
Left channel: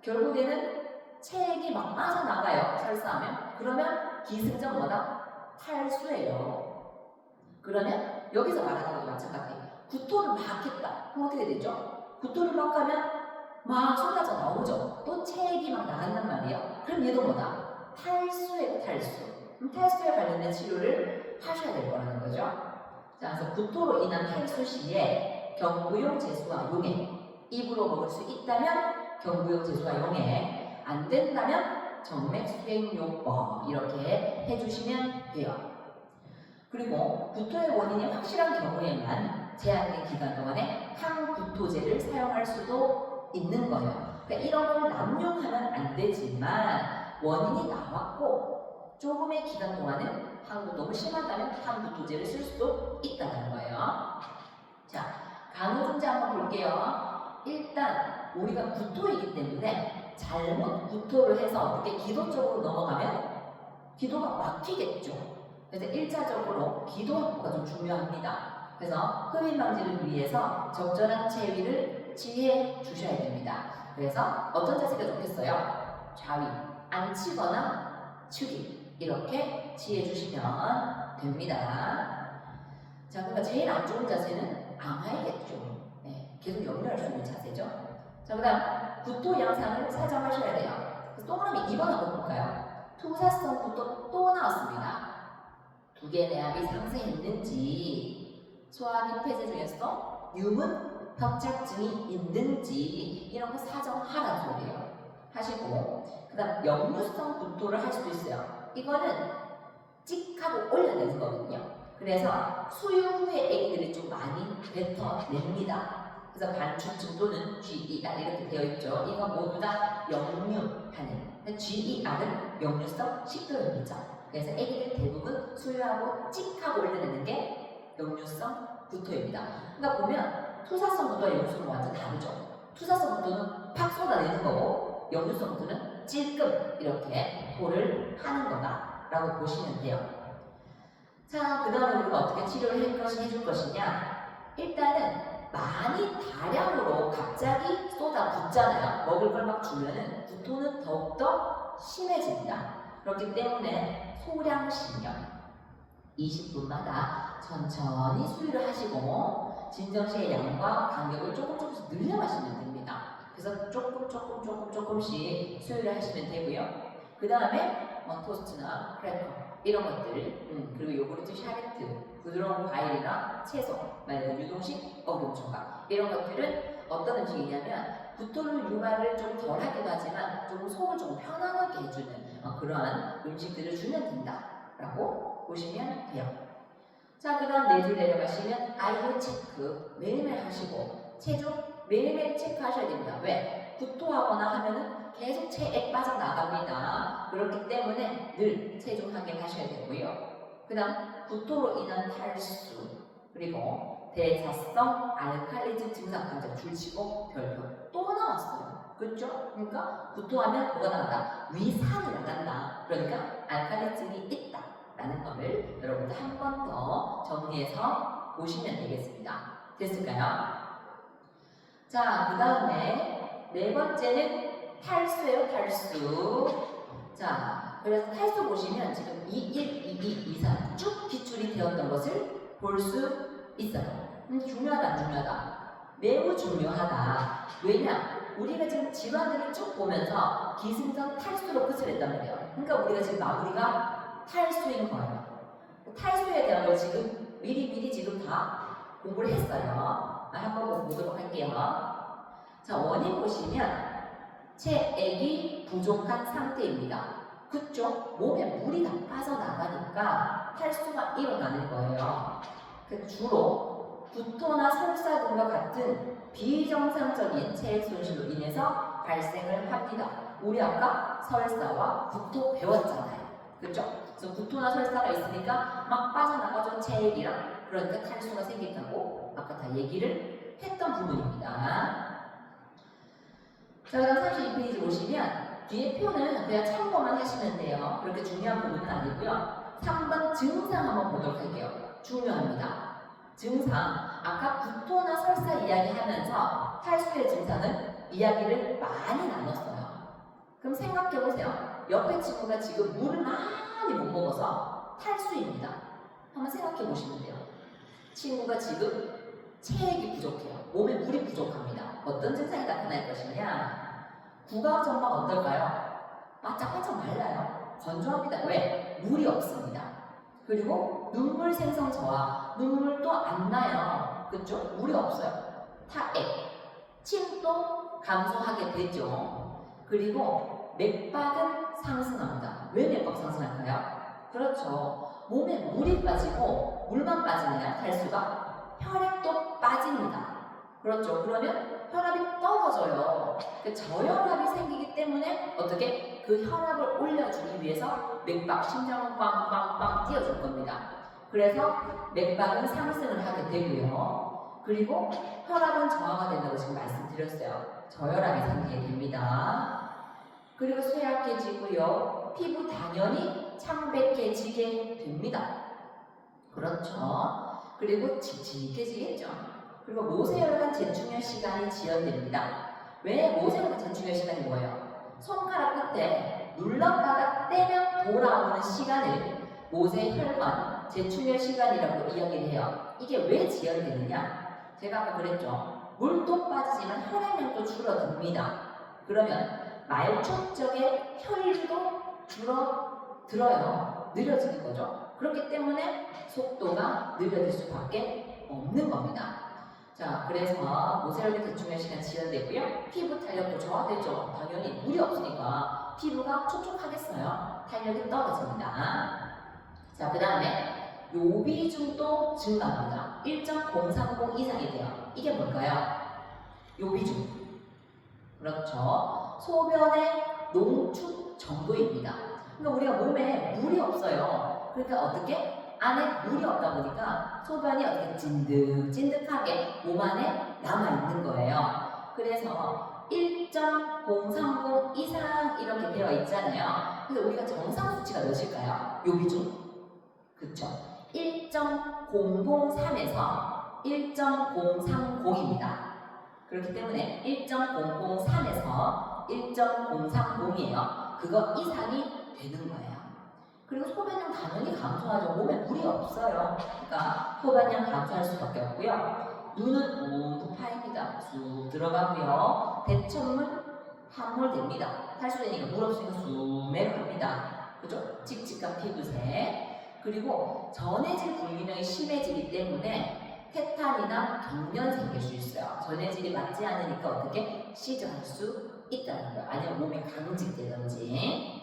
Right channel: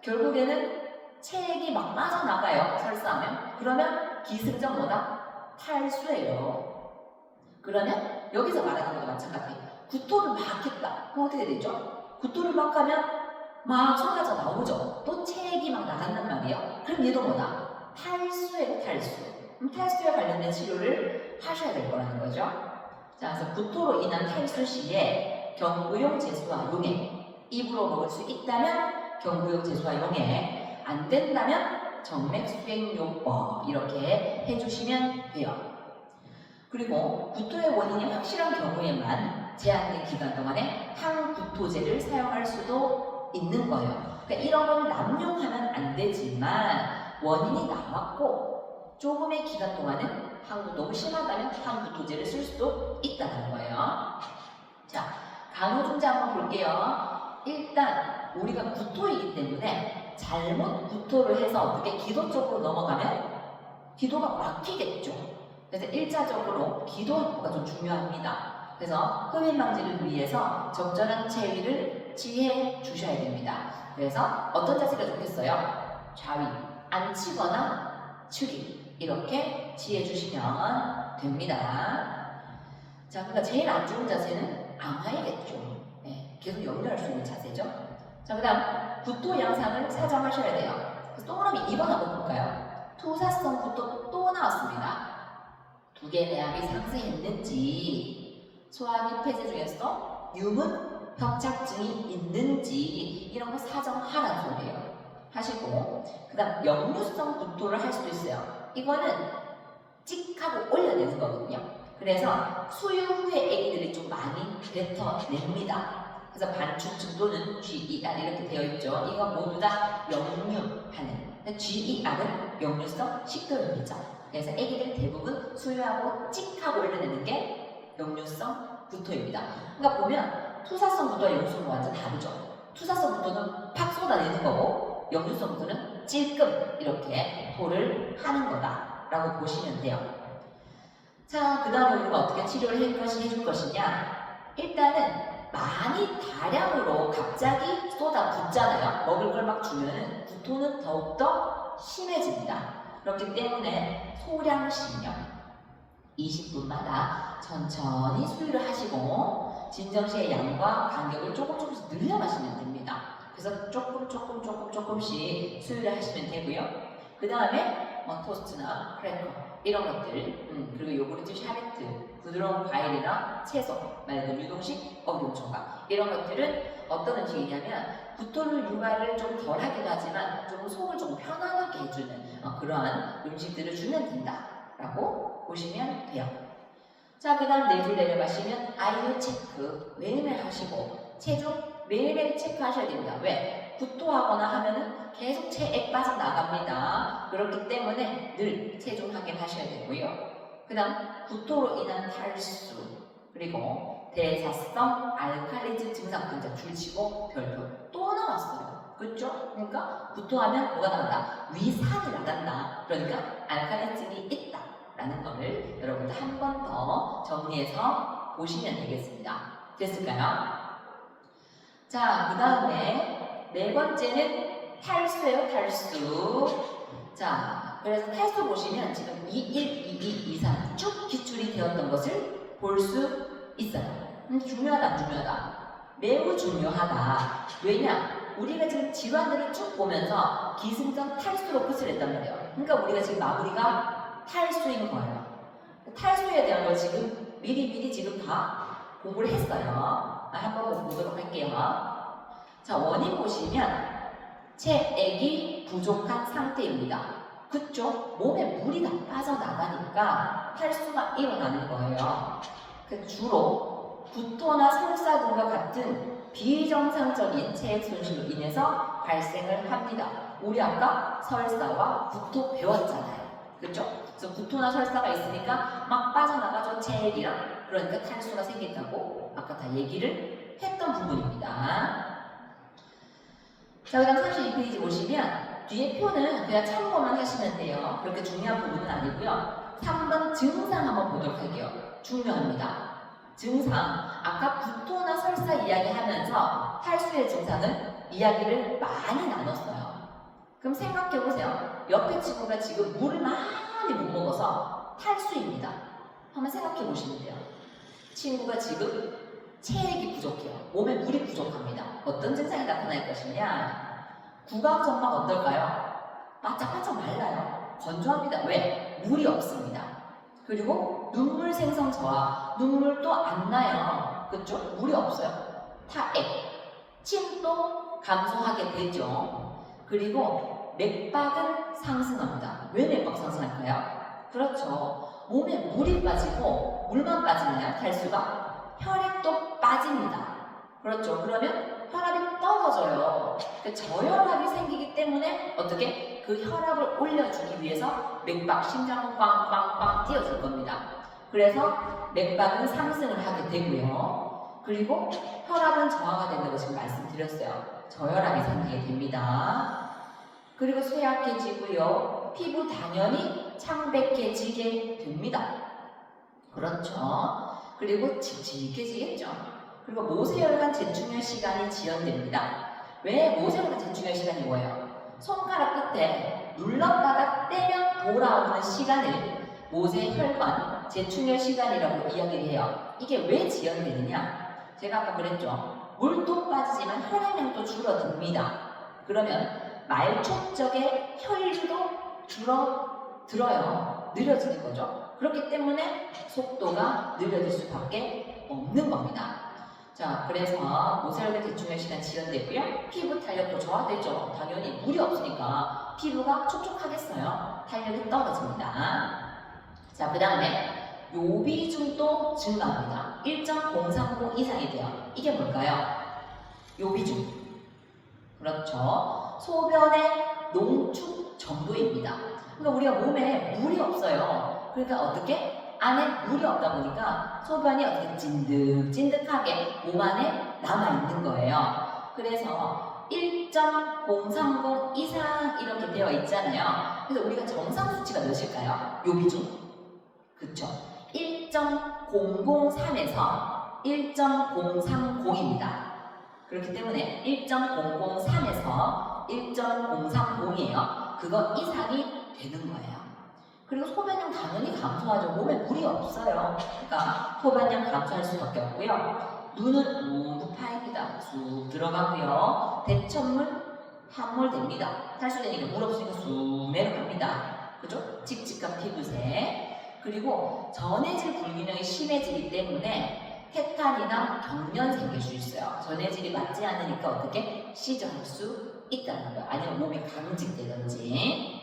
결국에는 체액이 막 빠져나가요. 설사하면. 그러면 기승전 뭐다? 탈수예요. 그러면 여기서 말하는 것도 마찬가지. 구토를 막 했다. 그럼 어떻게 되죠? 구토를 막 하면 막 쏟아져 나오죠. 또 체액이 막 나간단 말이에요. 그럼 얘도 뭐다? 탈수예요, 탈수. 그럼 탈수에 관련된 치료를 하셔야 될 거라는 거죠. 자, 그래서 구토로 인한 탈수 시에 경구용 제수와 용액, 입으로 먹을 수 있다면 경구용 제수와 용액, 안 된다면 정맥수행요법 이렇게 해주시면 돼요. 그리고 구토의 원인이 확실한 경우에만 제한된 기간 동안에 항구토제를 사용할 수도 있는 거예요. 그러니까 이런 걸 남용하면 안 되지만 원인이 나왔고 조금의 기간 동안은 항구 너무 심하다면 항구토제를 쓸 수도 있다는 거예요. 자, 간호중재 한번 볼게요. 일단 우리가 구토이기 때문에 잘못 구토를 해서 어떻게 기도 쪽으로 넘어가면 기도가 막히겠죠. 그래서 1차적으로 기도 확보가 좀 중요합니다. 그래서 흡입 방지를 위해서 적절한 체위를 취해 주셔야 됩니다. 그래서 어떤 자세가 좋겠어요? 좌위, 앉히거나 축이 이렇게 취해 주시면 됩니다. 자, 그러니까 제일 안 좋은 자세는 암하이겠죠. 네, 계속 연결할 수 있는 자세죠. 자, 그 다음 구토 양상을 사정하셔야 돼요. 그래서 동그라미 2번 한번 볼까요? 투사성 구토 또 나왔습니다. 두 개의 내압이 상승했는지, 소화기 폐쇄 중에서 유문 협착증이 있는지 이런 거 사정하라는 소리예요. 하시고 그 다음 역류성 구토를 할 수도 있어요. 이거는 찍하고 올려내는 거거든요. 그래서 수유 후에 아기들이 좀 많이 뱉어냅니다. 그래서 반추측 또는 GER 이렇게 되어 있죠. 이거 모두 다 역류하는, GER은 역류성 식도염이죠. 그래서 아기들 대부분 수유하고 찍하고 올려내는 게 역류성 구토입니다. 그러니까 보면 투사성 구토와 역류성 완전 다르죠. 투사성 구토는 팍 쏟아내는 거고 역류성 구토는 찔끔 이렇게 토를 하는 거다라고 보시면 돼요. 자, 그 다음에 우리가 어떻게 치료를 해줄 것이냐? 일단은 많이 다량으로 갑자기 쏟아붓잖아요. 먹을 걸 막 주면은 구토는 더욱더 심해집니다. 그렇기 때문에 소량식량 20분마다 천천히 수유를 하시고 진정시의 양과 간격을 조금씩 늘려 마시면 됩니다. 그래서 조금씩 수유를 하시면 되고요. 그 다음에 토스트나 크래커 이런 것들, 그리고 요구르트, 샤베트, 부드러운 과일이나 채소, 맑은 유동식, 어금초가 이런 것들은 어떤 음식이냐면 구토를 유발을 좀 덜하기도 하지만 좀 속을 좀 편안하게 해주는 그러한 음식들을 주면 된다라고 보시면 돼요. 자, 그 다음 4줄 내려가시면 아이유 체크 매일매일 하시고 체중 매일매일 체크하셔야 됩니다. 왜? 구토하거나 하면은 계속 체액 빠져나갑니다. 그렇기 때문에 늘 체중 확인하셔야 되고요. 그 다음 구토로 인한 탈수 그리고 대사성 알칼리즘 증상 근자 줄치고 별표 또 나왔어요. 그렇죠? 그러니까 구토하면 뭐가 나간다? 위산이 나간다. 그러니까 알칼리즘이 있다라는 거를 여러분들 한 번 더 정리해서 보시면 되겠습니다. 됐을까요? 자, 그 다음에 4번째는 탈수예요, 탈수. 자, 그래서 탈수 보시면 지금 2, 1, 2, 2, 2, 3 쭉 기출이 되어 볼 수 있어요. 중요하다, 안 중요하다? 매우 중요하다. 왜냐? 우리가 지금 질환들을 쭉 보면서 기승전 탈수로 끝을 냈단 말이에요. 그러니까 우리가 지금 마무리가 탈수인 거예요. 탈수에 대한 걸 지금 미리 지금 다 공부를 했어요. 한번 보도록 할게요. 자, 원인 보시면 체액이 부족한 상태입니다. 그쵸? 몸에 물이 다 빠져나가니까 탈수가 일어나는 거예요. 주로 구토나 설사 등과 같은 비정상적인 체액 손실로 인해서 발생을 합니다. 우리 아까 설사와 구토 배웠잖아요. 그렇죠? 그래서 구토나 설사가 있으니까 막 빠져나가죠. 체액이랑. 그러니까 탈수가 생긴다고 아까 다 얘기를 했던 부분입니다. 자, 그 다음 32페이지 보시면 뒤에 표는 그냥 참고만 하시면 돼요. 그렇게 중요한 부분은 아니고요. 3번 증상 한번 보도록 할게요. 중요합니다. 증상, 아까 구토나 설사 이야기하면서 탈수의 증상은 이야기를 많이 나눴어요. 그럼 생각해보세요. 옆에 친구가 지금 물을 많이 못 먹어서 탈수입니다. 한번 생각해보시면 돼요. 친구가 지금 체액이 부족해요. 몸에 물이 부족합니다. 어떤 증상이 나타날 것이냐? 구강정막 어떨까요? 바짝바짝 말라요. 건조합니다. 왜? 물이 없습니다. 그리고 눈물 생성 저하, 눈물도 안 나요. 그렇죠? 물이 없어요. 타액, 침도 감소하게 되죠. 그리고 맥박은 상승합니다. 왜 맥박 상승할까요? 그렇죠. 몸에 물이 빠지고 물만 빠지나요? 탈수가? 혈액도 빠집니다. 그렇죠. 그러면 혈압이 떨어져요. 저혈압이 생기기 때문에 어떻게? 그 혈압을 올려주기 위해서 맥박, 심장은 빵빵빵 뛰어줄 겁니다. 그래서 맥박은 상승을 하게 되고요. 그리고 혈압은 저하가 된다고 지금 말씀드렸어요. 저혈압이 생기게 됩니다. 그리고 쇠약해지고요. 피부 당연히 창백해지게 됩니다. 그렇죠. 그리고 칙칙해지겠죠. 그리고 모세혈관 재충혈 시간이 지연됩니다. 왜 모세혈관 재충혈 시간이 뭐예요? 손가락 끝에 눌렀다가 떼면 돌아오는 시간을 모세혈관 재충혈 시간이라고 이야기를 해요. 이게 왜 지연되느냐? 제가 아까 그랬죠. 물도 빠지지만 혈액량도 줄어듭니다. 그러면 말초 쪽에 혈류도 줄어들어요. 느려지는 거죠. 그렇기 때문에 속도가 느려질 수밖에 없는 겁니다. 자, 그래서 모세혈관 재충혈 시간 지연되고요. 피부 탄력도 저하되죠. 당연히 물이 없으니까 피부가 촉촉하겠어요. 탄력이 떨어집니다. 자, 그 다음에 요비중도 증가합니다. 1.030 이상이 돼요. 이게 뭘까요? 요비중. 그렇죠. 소변의 농축 정도입니다. 그러니까 우리가 몸에 물이 없어요. 그러니까 어떻게? 안에 물이 없다 보니까 소변이 어떻게 찐득찐득하게 몸 안에 남아있는 거예요. 그래서 1.030 이상 이렇게 되어 있잖아요. 그래서 우리가 정상 수치가 몇일까요? 요비중. 그쵸? 1.003에서 1.030입니다. 그렇기 때문에 1.003에서 1.030이에요. 그거 이상이 되는 거예요. 그리고 소변량 당연히 감소하죠. 몸에 물이 없어요. 그러니까 소변량 감소할 수밖에 없고요. 눈은 뭉 파입니다. 쑥 들어가고요. 대천물 함몰됩니다. 탈수되니까 물 없으니까 쑥 내려갑니다. 그죠? 칙칙한 피부색. 그리고 전해질 불균형이 심해지기 때문에 해탈이나 경련 생길 수 있어요. 전해질이 맞지 않으니까 어떻게 시전할 수 있다는 거예요. 아니면 몸에 강직되든지.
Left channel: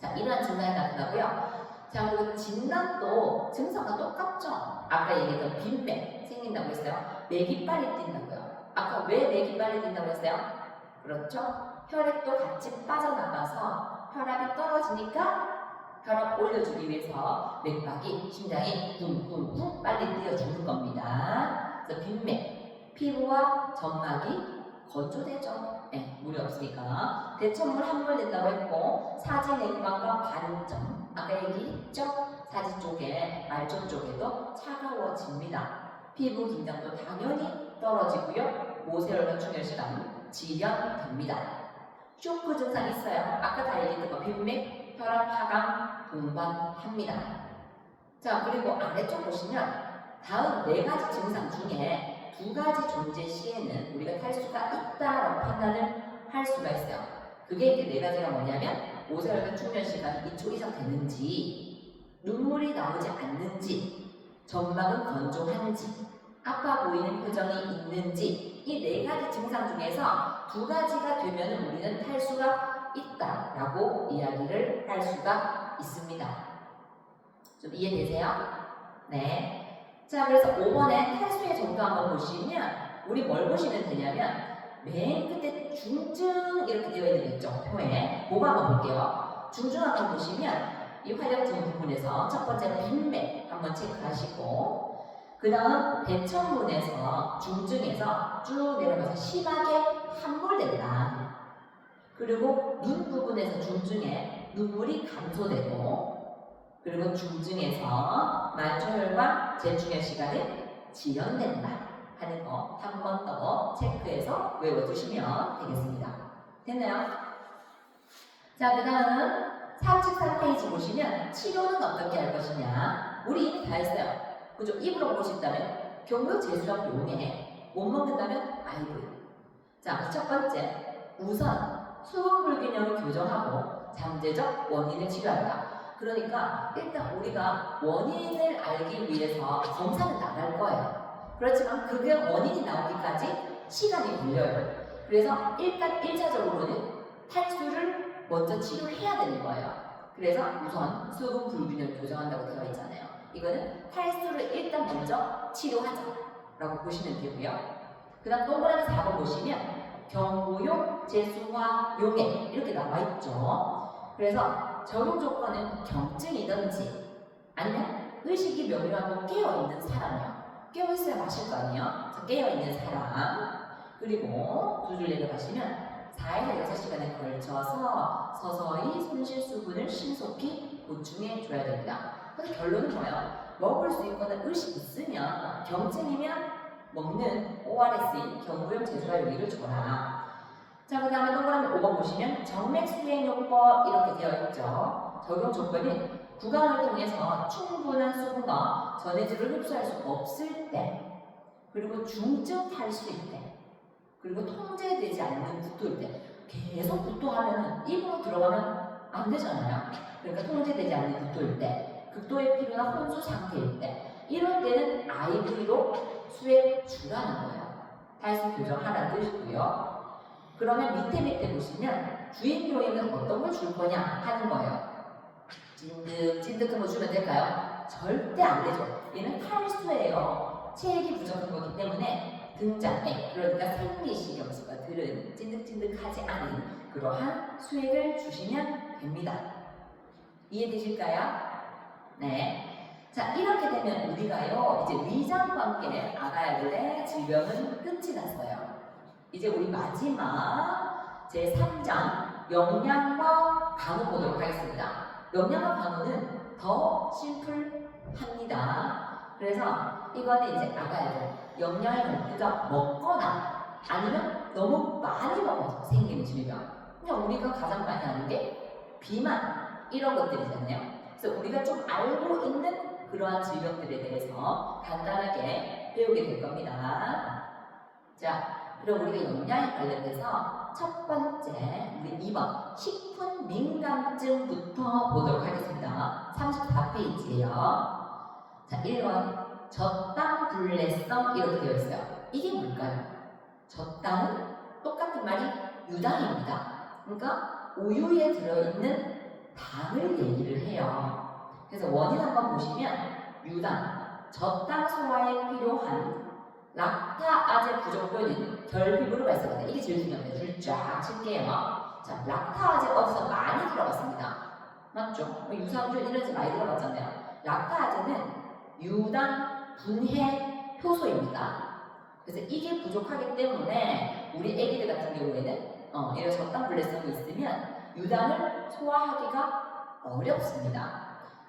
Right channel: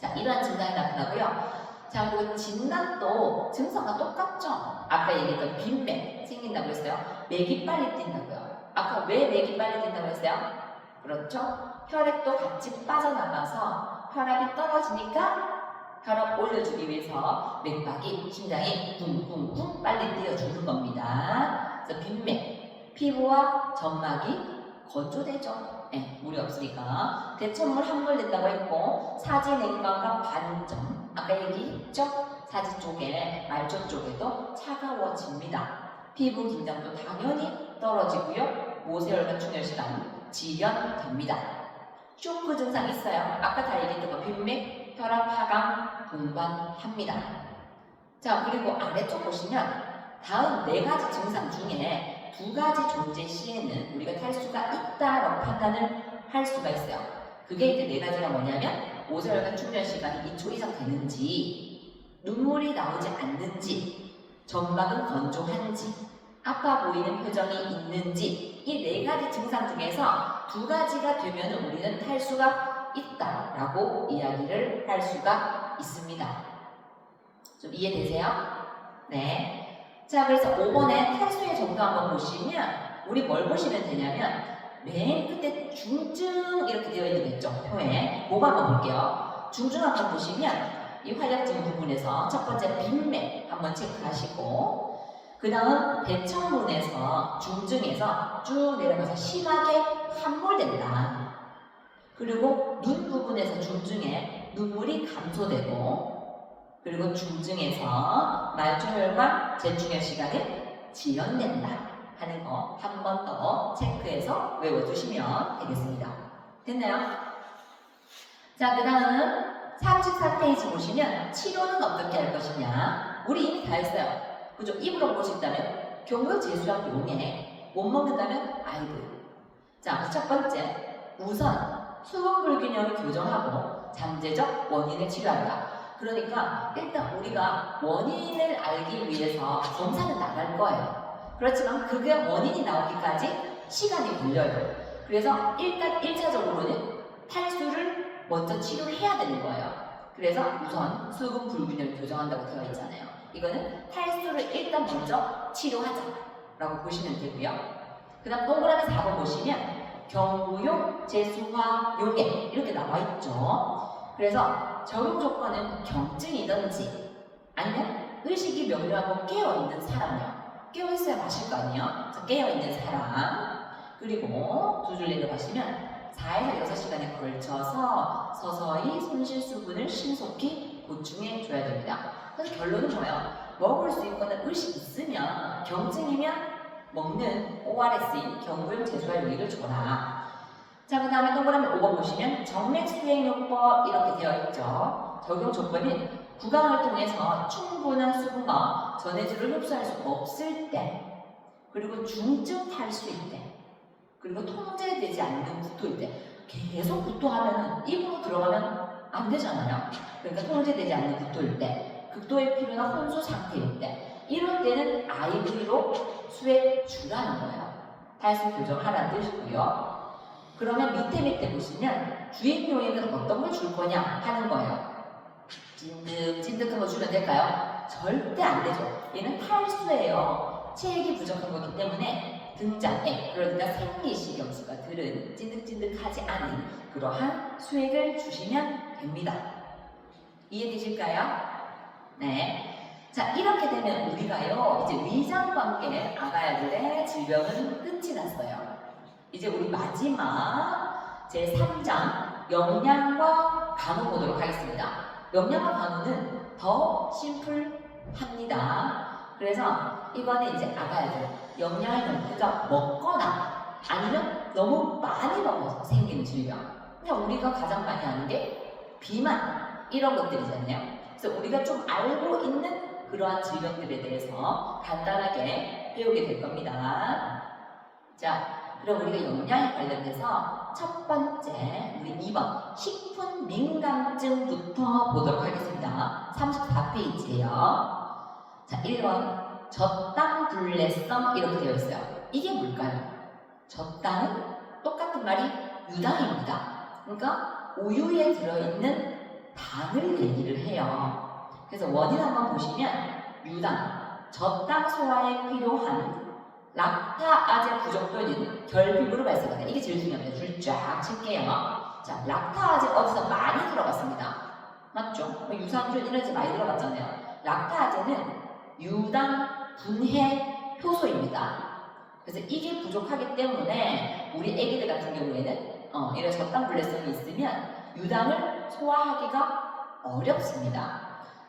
자, 이러한 증상이 나타나고요. 자, 그리고 진단도 증상과 똑같죠? 아까 얘기했던 빈맥 생긴다고 했어요. 맥이 빨리 뛴다고요. 아까 왜 맥이 빨리 뛴다고 했어요? 그렇죠? 혈액도 같이 빠져나가서 혈압이 떨어지니까 혈압 올려주기 위해서 맥박이, 심장이 쿵쿵쿵 빨리 뛰어주는 겁니다. 그래서 빈맥, 피부와 점막이 건조되죠. 네, 물이 없으니까. 대천물 함몰된다고 했고, 사지 냉방과 반점, 아까 얘기했죠? 사지 쪽에, 말초 쪽에도 차가워집니다. 피부 긴장도 당연히 떨어지고요. 모세혈관 충혈시간 지연됩니다. 쇼크 증상 있어요. 아까 다 얘기했던 거 빈맥, 혈압 하강 동반합니다. 자, 그리고 아래쪽 보시면 다음 네 가지 증상 중에 두 가지 존재 시에는 우리가 탈수가 있다라고 판단을 할 수가 있어요. 그게 이제 네 가지가 뭐냐면 오자혈관 충전 시간이 2초 이상 되는지, 눈물이 나오지 않는지, 점막은 건조한지, 아파 보이는 표정이 있는지, 이 네 가지 증상 중에서 두 가지가 되면 우리는 탈수가 있다라고 이야기를 할 수가 있습니다. 좀 이해되세요? 네. 자, 그래서 5번에 탈수의 정도 한번 보시면 우리 뭘 보시면 되냐면 맨 끝에 중증 이렇게 되어 있는 거 있죠? 표에. 그거 한번 볼게요. 중증 한번 보시면 이 활약증 부분에서 첫 번째 빈맥 한번 체크하시고, 그 다음 배천문에서 중증에서 쭉 내려가서 심하게 함몰된다. 그리고 눈 부분에서 중증에 눈물이 감소되고, 그리고 중증에서 말초혈과 제충혈 시간이 지연된다 하는 거 한 번 더 체크해서 외워두시면 되겠습니다. 됐나요? 자, 그 다음 34페이지 보시면 치료는 어떻게 할 것이냐. 우리 이미 다 했어요. 그죠? 입으로 볼수 있다면 경구 제수약 용해, 못 먹는다면 아이브. 자, 첫 번째, 우선 수분 불균형을 교정하고 잠재적 원인을 치료한다. 그러니까 일단 우리가 원인을 알기 위해서 검사는 나갈 거예요. 그렇지만 그게 원인이 나오기까지 시간이 걸려요. 그래서 일단 1차적으로는 탈수를 먼저 치료해야 되는 거예요. 그래서 우선 수분 불균형 교정한다고 되어 있잖아요. 이거는 탈수를 일단 먼저 치료하자라고 보시면 되고요. 그 다음 동그라미 4번 보시면 경구용, 제수화, 용해 이렇게 나와 있죠. 그래서 적용 조건은 경증이든지 아니면 의식이 명료하고 깨어있는 사람이요. 깨어있어야 마실 거 아니에요. 깨어있는 사람. 그리고 두 줄 내려가시면 4에서 6시간에 걸쳐서 서서히 손실 수분을 신속히 보충해 줘야 됩니다. 그래서 결론은 뭐예요? 먹을 수 있거나 의식 있으면 경증이면 먹는 ORS인 경구용 제수화 용액을 줘라. 자, 그 다음에 동그라미 5번 보시면 정맥 수행요법 이렇게 되어 있죠. 적용 조건은 구강을 통해서 충분한 수분과 전해질을 흡수할 수 없을 때, 그리고 중증 탈수일 때, 그리고 통제되지 않는 구토일 때. 계속 구토하면 입으로 들어가면 안 되잖아요. 그러니까 통제되지 않는 구토일 때, 극도의 피로나 혼수 상태일 때, 이럴 때는 IV로 수액 주라는 거예요. 탈수 교정하라는 뜻이고요. 그러면 밑에 보시면 주입 요인은 어떤 걸 줄 거냐 하는 거예요. 찐득한 거 주면 될까요? 절대 안 되죠. 얘는 탈수예요. 체액이 부족한 거기 때문에 등장해. 그러니까 생리식염수가 들은 찐득찐득하지 않은 그러한 수액을 주시면 됩니다. 이해되실까요? 네. 자, 이렇게 되면 우리가요, 이제 위장관계 아가야들의 질병은 끝이 났어요. 이제 우리 마지막 제3장 영양과 간호 보도록 하겠습니다. 영양과 간호는 더 심플합니다. 그래서 이거는 이제 아가야들 영양을 우리가 먹거나 아니면 너무 많이 먹어서 생기는 질병. 그냥 우리가 가장 많이 하는 게 비만 이런 것들이잖아요. 그래서 우리가 좀 알고 있는 그러한 질병들에 대해서 간단하게 배우게 될 겁니다. 자, 그럼 우리가 영양에 관련해서 첫 번째 우리 2번 식품 민감증부터 보도록 하겠습니다. 34페이지예요. 자, 1번 젖당불내성 이렇게 되어 있어요. 이게 뭘까요? 젖당은 똑같은 말이 유당입니다. 그러니까 우유에 들어있는 당을 얘기를 해요. 그래서 원인 한번 보시면 유당, 젖당 소화에 필요한 락타아제 부족 또는 결핍으로 발생한다. 이게 제일 중요합니다. 줄 쫙 칠게요. 자, 락타아제 어디서 많이 들어갔습니다. 맞죠? 유산균 이런 데 많이 들어갔잖아요. 락타아제는 유당 분해 효소입니다. 그래서 이게 부족하기 때문에 우리 애기들 같은 경우에는 이런 젖당불내성이 있으면 유당을 소화하기가 어렵습니다.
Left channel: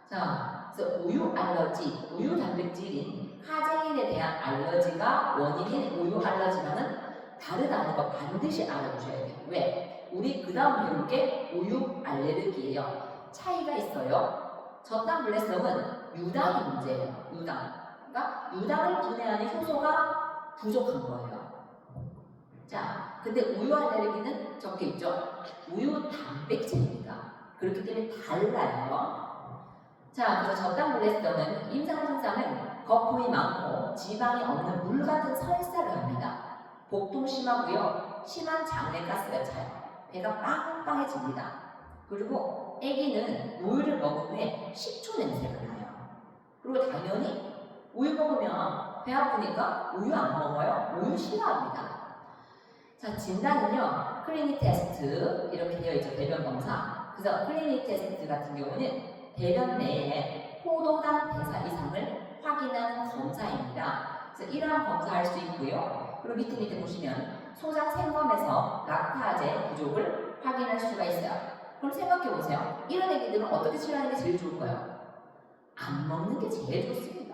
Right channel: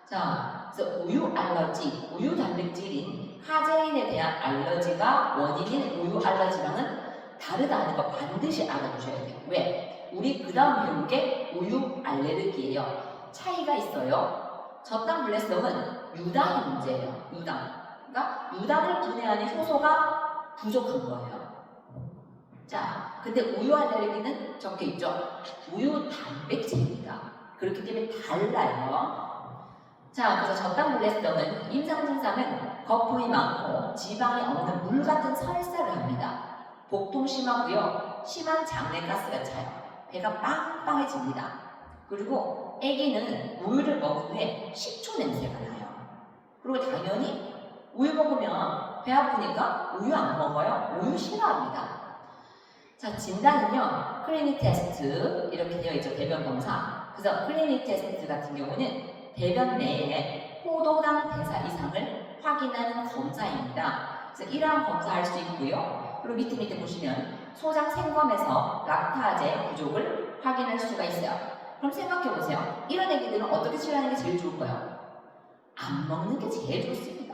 자, 그래서 우유 알러지, 우유 단백질인 카제인에 대한 알러지가 원인인 우유 알러지랑은 다르다는 거 반드시 알아두셔야 돼요. 왜? 우리 그 다음 배울 게 우유 알레르기예요. 차이가 있어요. 젖당불내성은 유당이 문제예요. 유당. 그러니까 유당을 분해하는 효소가 부족한 거예요. 자, 근데 우유 알레르기는 적혀 있죠. 우유 단백질입니다. 그렇기 때문에 달라요. 자, 그래서 저당불내성은 임상 증상은 거품이 많고 지방이 없는 물 같은 설사를 합니다. 복통 심하고요. 심한 장내가스가 차요. 배가 빵빵해집니다. 그리고 아기는 우유를 먹은 후에 식초 냄새가 나요. 그리고 당연히 우유 먹으면 배 아프니까 우유 안 먹어요. 우유 싫어합니다. 자, 진단은요. 클리닉 테스트 이렇게 되어 있죠. 대변 검사. 그래서 클리닉 테스트 같은 경우는 대변 내에 포도당 대사 이상을 확인하는 검사입니다. 그래서 이러한 검사할 수 있고요. 그리고 밑에 보시면 소장 생검에서 락타제 부족을 확인할 수가 있어요. 그럼 생각해 보세요. 이런 애기들은 어떻게 치료하는 게 제일 좋을까요? 안 먹는 게 제일 좋습니다.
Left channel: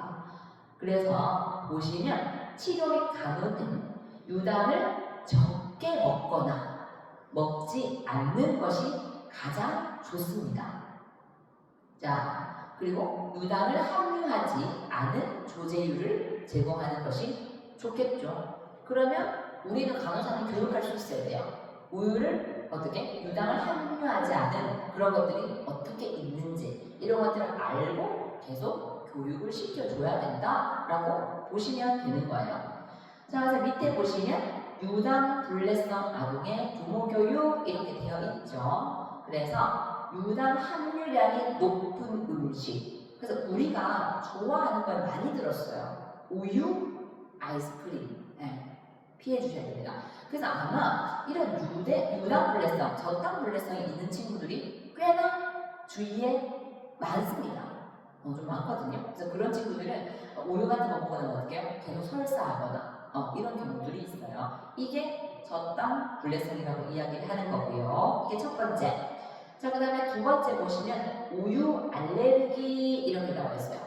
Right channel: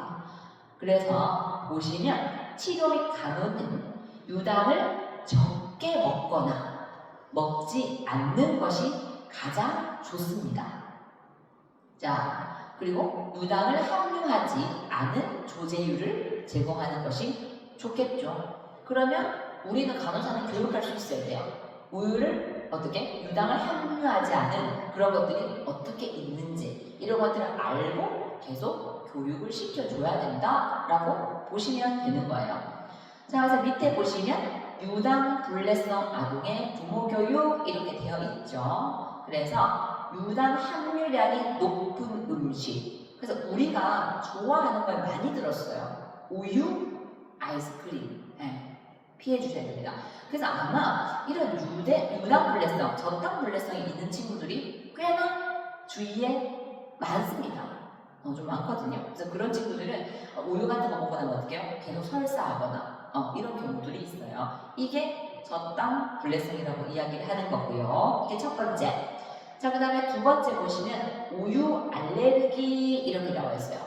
그래서 보시면 치료 및 간호는 유당을 적게 먹거나 먹지 않는 것이 가장 좋습니다. 자, 그리고 유당을 함유하지 않은 조제유를 제공하는 것이 좋겠죠. 그러면 우리는 간호사는 교육할 수 있어야 돼요. 우유를 어떻게 유당을 함유하지 않은 그런 것들이 어떻게 있는지 이런 것들을 알고 계속 교육을 시켜줘야 된다라고 보시면 되는 거예요. 자, 그래서 밑에 보시면 유당 불내성 아동의 부모 교육 이렇게 되어 있죠. 그래서 유당 함유량이 높은 음식. 그래서 우리가 좋아하는 걸 많이 들었어요. 우유, 아이스크림. 네, 피해 주셔야 됩니다. 그래서 아마 이런 유당 불내성, 저당 불내성이 있는 친구들이 꽤나 주위에 많습니다. 좀 많거든요. 그래서 그런 친구들은 우유 같은 거 먹고 나면 어떻게 해요? 계속 설사하거나 이런 경우들이 있어요. 이게 저당 불내성이라고 이야기를 하는 거고요. 이게 첫 번째. 자, 그 다음에 두 번째 보시면 우유 알레르기 이렇게 나와 있어요.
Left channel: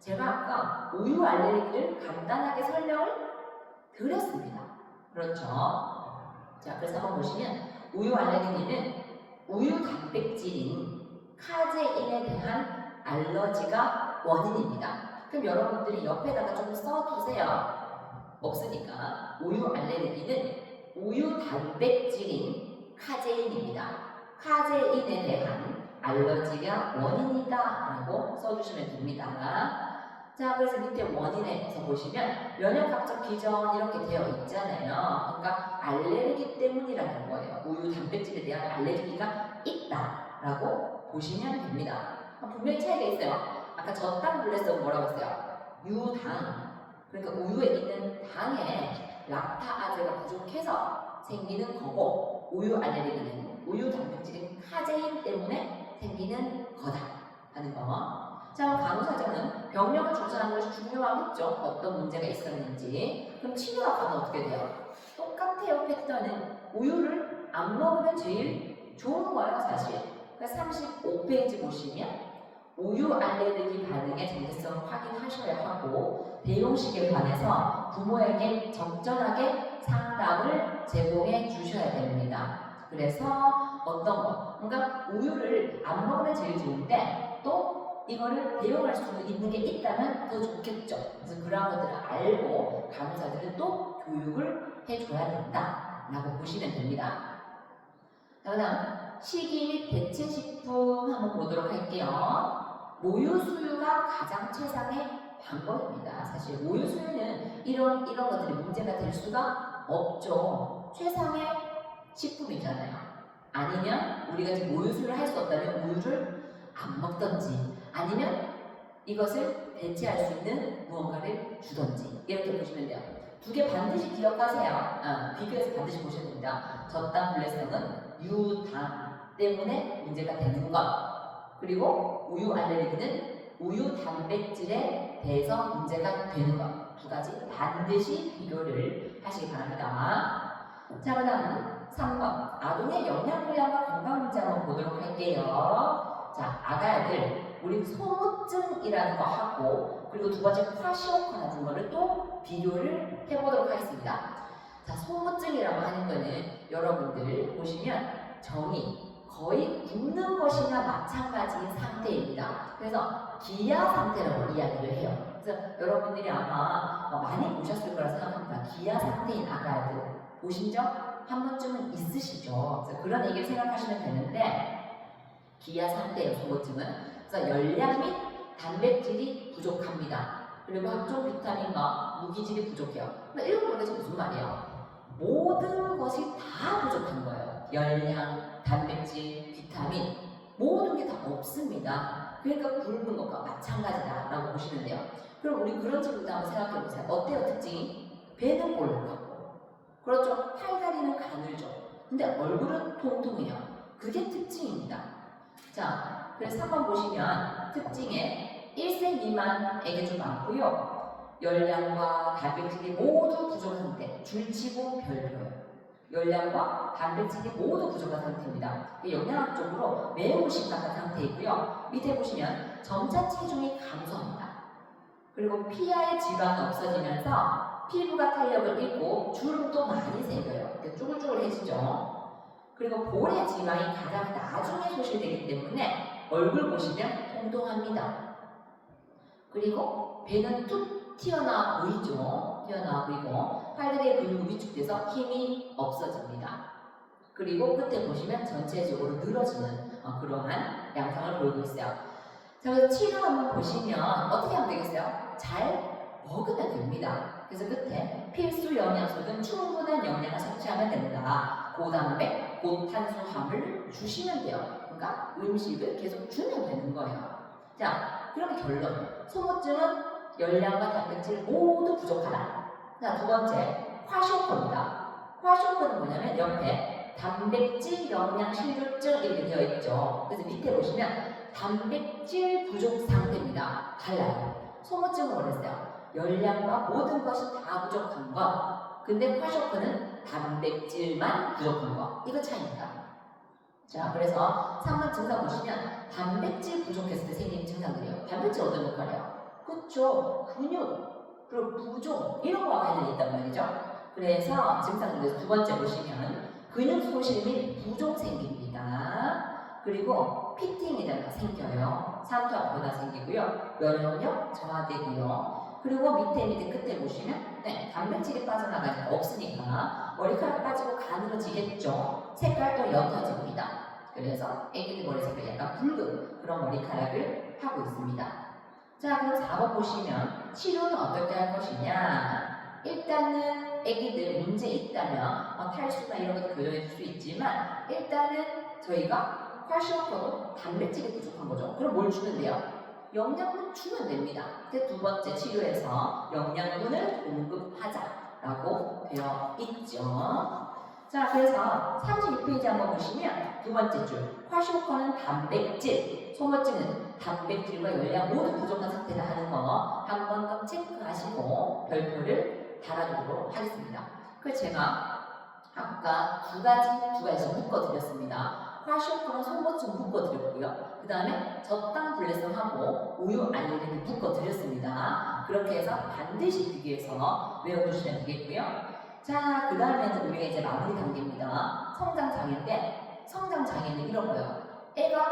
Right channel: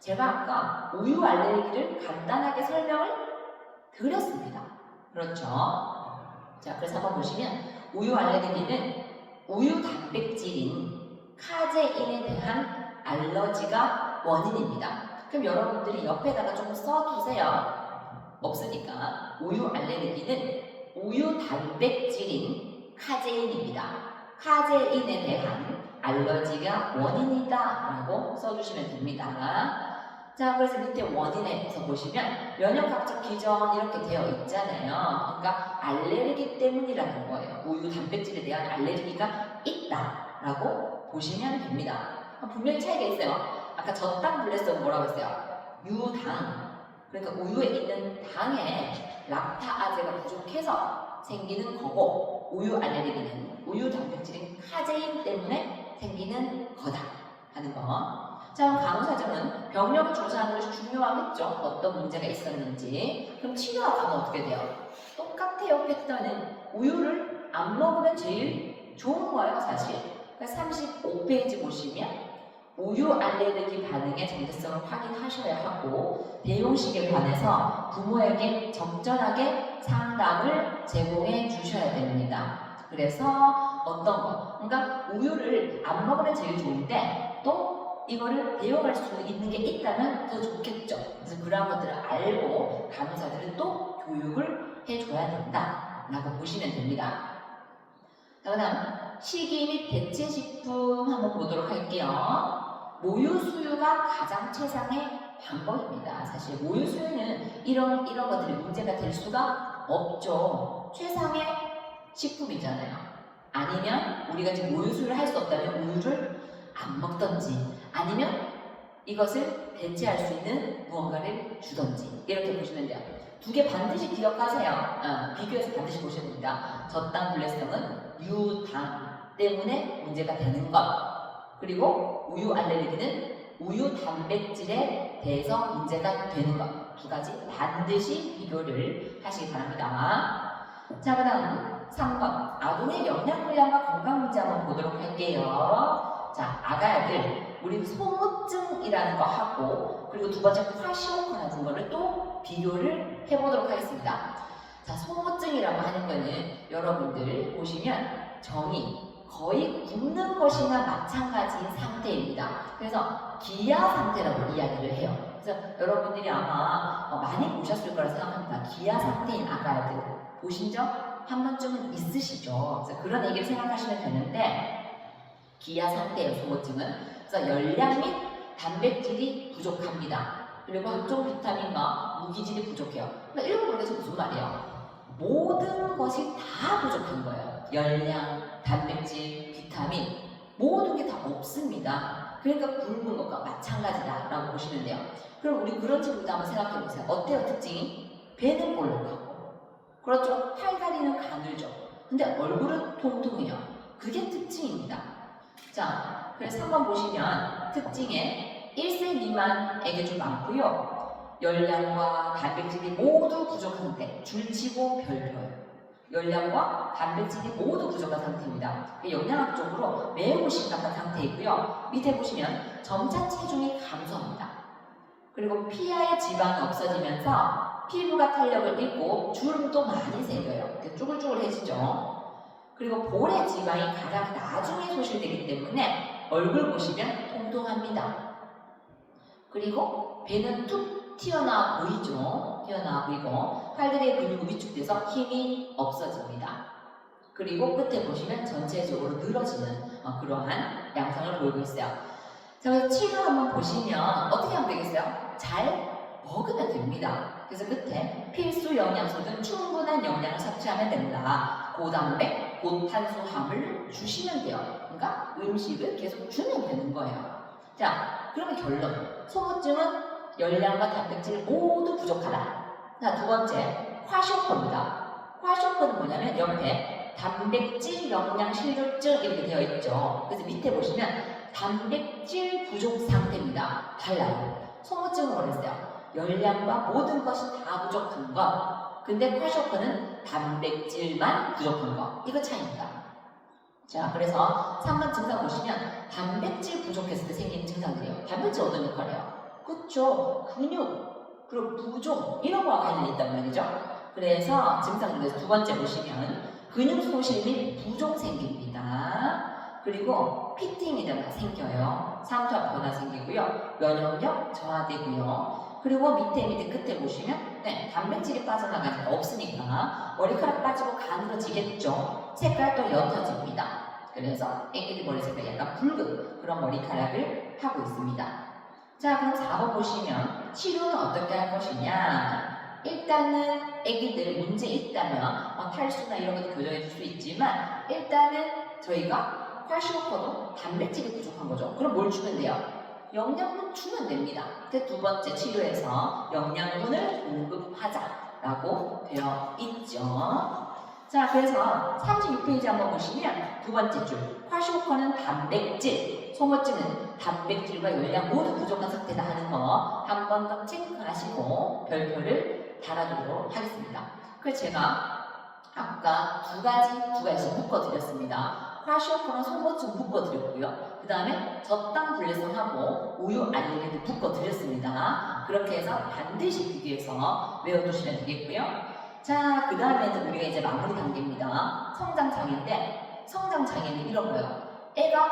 제가 아까 우유 알레르기를 간단하게 설명을 드렸습니다. 그렇죠? 자, 그래서 한번 보시면 우유 알레르기는 우유 단백질인 카제인에 대한 알러지가 원인입니다. 그럼 여러분들이 옆에다가 좀 써두세요. 없으니까 우유 알레르기는 우유 단백질인 카제인입니다. 카제인에 대한 알러지가 원인이다 라고 써주시면 됩니다. 자, 그래서 밑에 원인에서 보시면 면역학적 기전 이렇게 되어 있잖아요. 그러니까 알레르기 때문이라는 거예요. 우유 단백질에 대한 알레르기가 있다라고 보시면 됩니다. 분명히 차이가 있어요. 아까 저당 불내성 뭐라고 했어요? 유당. 그러니까 우유에 있는 당에 락타아제가 부족해서 생기는 거고 우유 알레르기는 우유 단백질인 카제인 때문에 생기는 거다 하는 거. 자, 간호사정은 병력을 조사하는 것이 중요하겠죠. 어떤 문제가 있었는지. 그럼 치료와 간호 어떻게 돼요? 똑같아요. 패턴은 우유를 안 먹으면 제일 좋은 거예요, 사실. 그러니까 35페이지 보시면 우유 알레르기 반응의 정체성을 확인하셔야 하고 대용식에 관해서 부모에게 적절하게 상담을 제공해 주셔야 됩니다. 그래서 어떤 거? 그러니까 우유를 안 먹으면 제일 좋은데 또 이거를 대용할 수 있는 게 있다면 더 좋겠죠. 그래서 그러한 것들을 알고 간호사들은 또 교육을 해줘야 된다라고 보시면 됩니다. 자, 그다음 식이 및 대체식품 한번 보도록 할게요. 모유 수유가 가장 최상의 방법입니다. 사실 모유 수유는 이런 것들이 문제가 될 수가 없죠. 최상의 식품이잖아요. 아니면 우리가 지금 모유 수유를 할 수 없다면 우유를 안 먹던지 아니면 이것을 대체할 수 있는 무언가를 주던지 이렇게 보시면 돼요. 두 개 반드시 기억하세요. 비교해서 반드시 보셔야 됩니다. 저당 불내성은 유당 때문에 문제가 되는 것. 그리고 우유 알레르기는 우유 단백질에 대해서 문제가 되는 것. 두 가지 반드시 비교를 하시기 바랍니다. 자, 그 다음 3번 아동의 영양불량과 건강 문제 한번 보도록 할게요. 자, 아가야들 우리 소모증이라는 거 하고 그리고 두 번째 콰시오코라는 거를 또 비교를 해보도록 하겠습니다. 자, 소모증이라고 하는 거는 여러분들 보시면 정의 거의 굶는 것이나 마찬가지인 상태입니다. 그래서 기아 상태라고 이야기를 해요. 그래서 여러분들이 아마 많이 보셨을 거라 생각합니다. 기아 상태인 아가야들 보신 적 한 번쯤은 있으시죠. 그래서 그런 얘기를 생각하시면 되는데 기아 상태의 소모증은 그래서 열량 및 단백질이 부족합니다. 그리고 각종 비타민과 무기질이 부족해요. 그러니까 이런 거에서 무슨 말이에요? 모든 것이 다 부족한 거예요. 열량, 단백질, 비타민 모든 게 다 없습니다. 그러니까 굶는 것과 마찬가지다라고 보시면 돼요. 그럼 우리 그런 식으로 한번 생각해 보세요. 어때요 특징이? 배는 볼록하고 그렇죠. 팔다리는 가늘죠. 근데 얼굴은 통통해요. 그게 특징입니다. 자, 그래서 한번 보시면 특징에 1세 미만에게 좀 많고요. 열량과 단백질이 모두 부족한 상태. 줄치고 별표예요. 열량과 단백질이 모두 부족한 상태입니다. 영양학적으로 매우 심각한 상태이고요. 밑에 보시면 점차 체중이 감소합니다. 그리고 피하의 지방이 없어지면서 피부가 탄력을 잃고 주름도 많이 생겨요. 이렇게 쭈글쭈글해지죠. 그리고 볼의 지방이 가장 나중에 소실되기 때문에 얼굴 보시면 통통합니다. 그리고 배는 툭 튀어나와 보이죠. 튀어나와 보이고 팔다리의 근육이 위축돼서 힘이 없어집니다. 그리고 끝에 보시면 전체적으로 늘어지는 그러한 양상을 보이고 있어요. 자, 그래서 치료 한번 보시면 어떻게 하면 되겠어요? 잘 먹으면 됩니다. 그래서 끝에 필수 영양소 등 충분한 영양을 섭취하면 된다. 고단백, 고탄수화물 주시면 돼요. 그러니까 음식을 계속 주면 되는 거예요. 자, 그러면 결론. 소모증은 열량과 단백질 모두 부족하다. 자, 두 번째, 과쇼크입니다. 과쇼크는 뭐냐면 옆에 단백질 영양 실조증 이렇게 되어 있죠. 그래서 밑에 보시면 단백질 부족 상태입니다. 달라요. 소모증은 뭐랬어요? 열량과 모든 것이 다 부족한 것. 근데 과쇼크는 단백질만 부족한 것. 이거 차이입니다. 자, 그래서 3번 증상 보시면 단백질 부족했을 때 생기는 증상들이에요. 단백질 어떤 역할이에요? 그쵸? 근육, 그리고 부종 이런 거와 관련이 있단 말이죠. 그래서 증상 중에서 두 번째 보시면 근육 소실 및 부종 생깁니다. 그리고 피팅이라가 생겨요. 삼투압 변화 생기고요. 면역력 저하되고요. 그리고 밑에 끝에 보시면 단백질이 빠져나가니까 없으니까 머리카락 빠지고 가늘어지겠죠. 색깔도 옅어집니다. 그래서 애기들 머리 색깔이 약간 붉은 그런 머리카락을 하고 있습니다. 자, 그럼 4번 보시면 치료는 어떻게 할 것이냐. 일단은 애기들 문제 있다면 탈수나 이런 것도 교정해 줄 수 있지만 일단은 저희가 과시오퍼도 단백질이 부족한 거죠. 그럼 뭘 주면 돼요? 영양분 주면 됩니다. 두 번째 치료에서 영양분을 공급하자라고 되어 있죠. 자, 그래서 36페이지 한번 보시면 두 번째 줄 과시오퍼는 단백질, 소모증은 단백질과 열량 모두 부족한 상태다 하는 거 한 번 더 체크하시고 별표를 달아주도록 하겠습니다. 그래서 제가 아까 두 가지 묶어드렸습니다. 과시오퍼는 소모증 묶어드렸고요. 그 다음에 저당 블레송하고 우유 알레르기 묶어드렸습니다. 그렇게 해서 반드시 비교해서 외워두시면 되겠고요. 자, 그 다음에는 우리가 이제 마무리 단계입니다. 성장장애인데 성장장애는 이런 거예요. 애가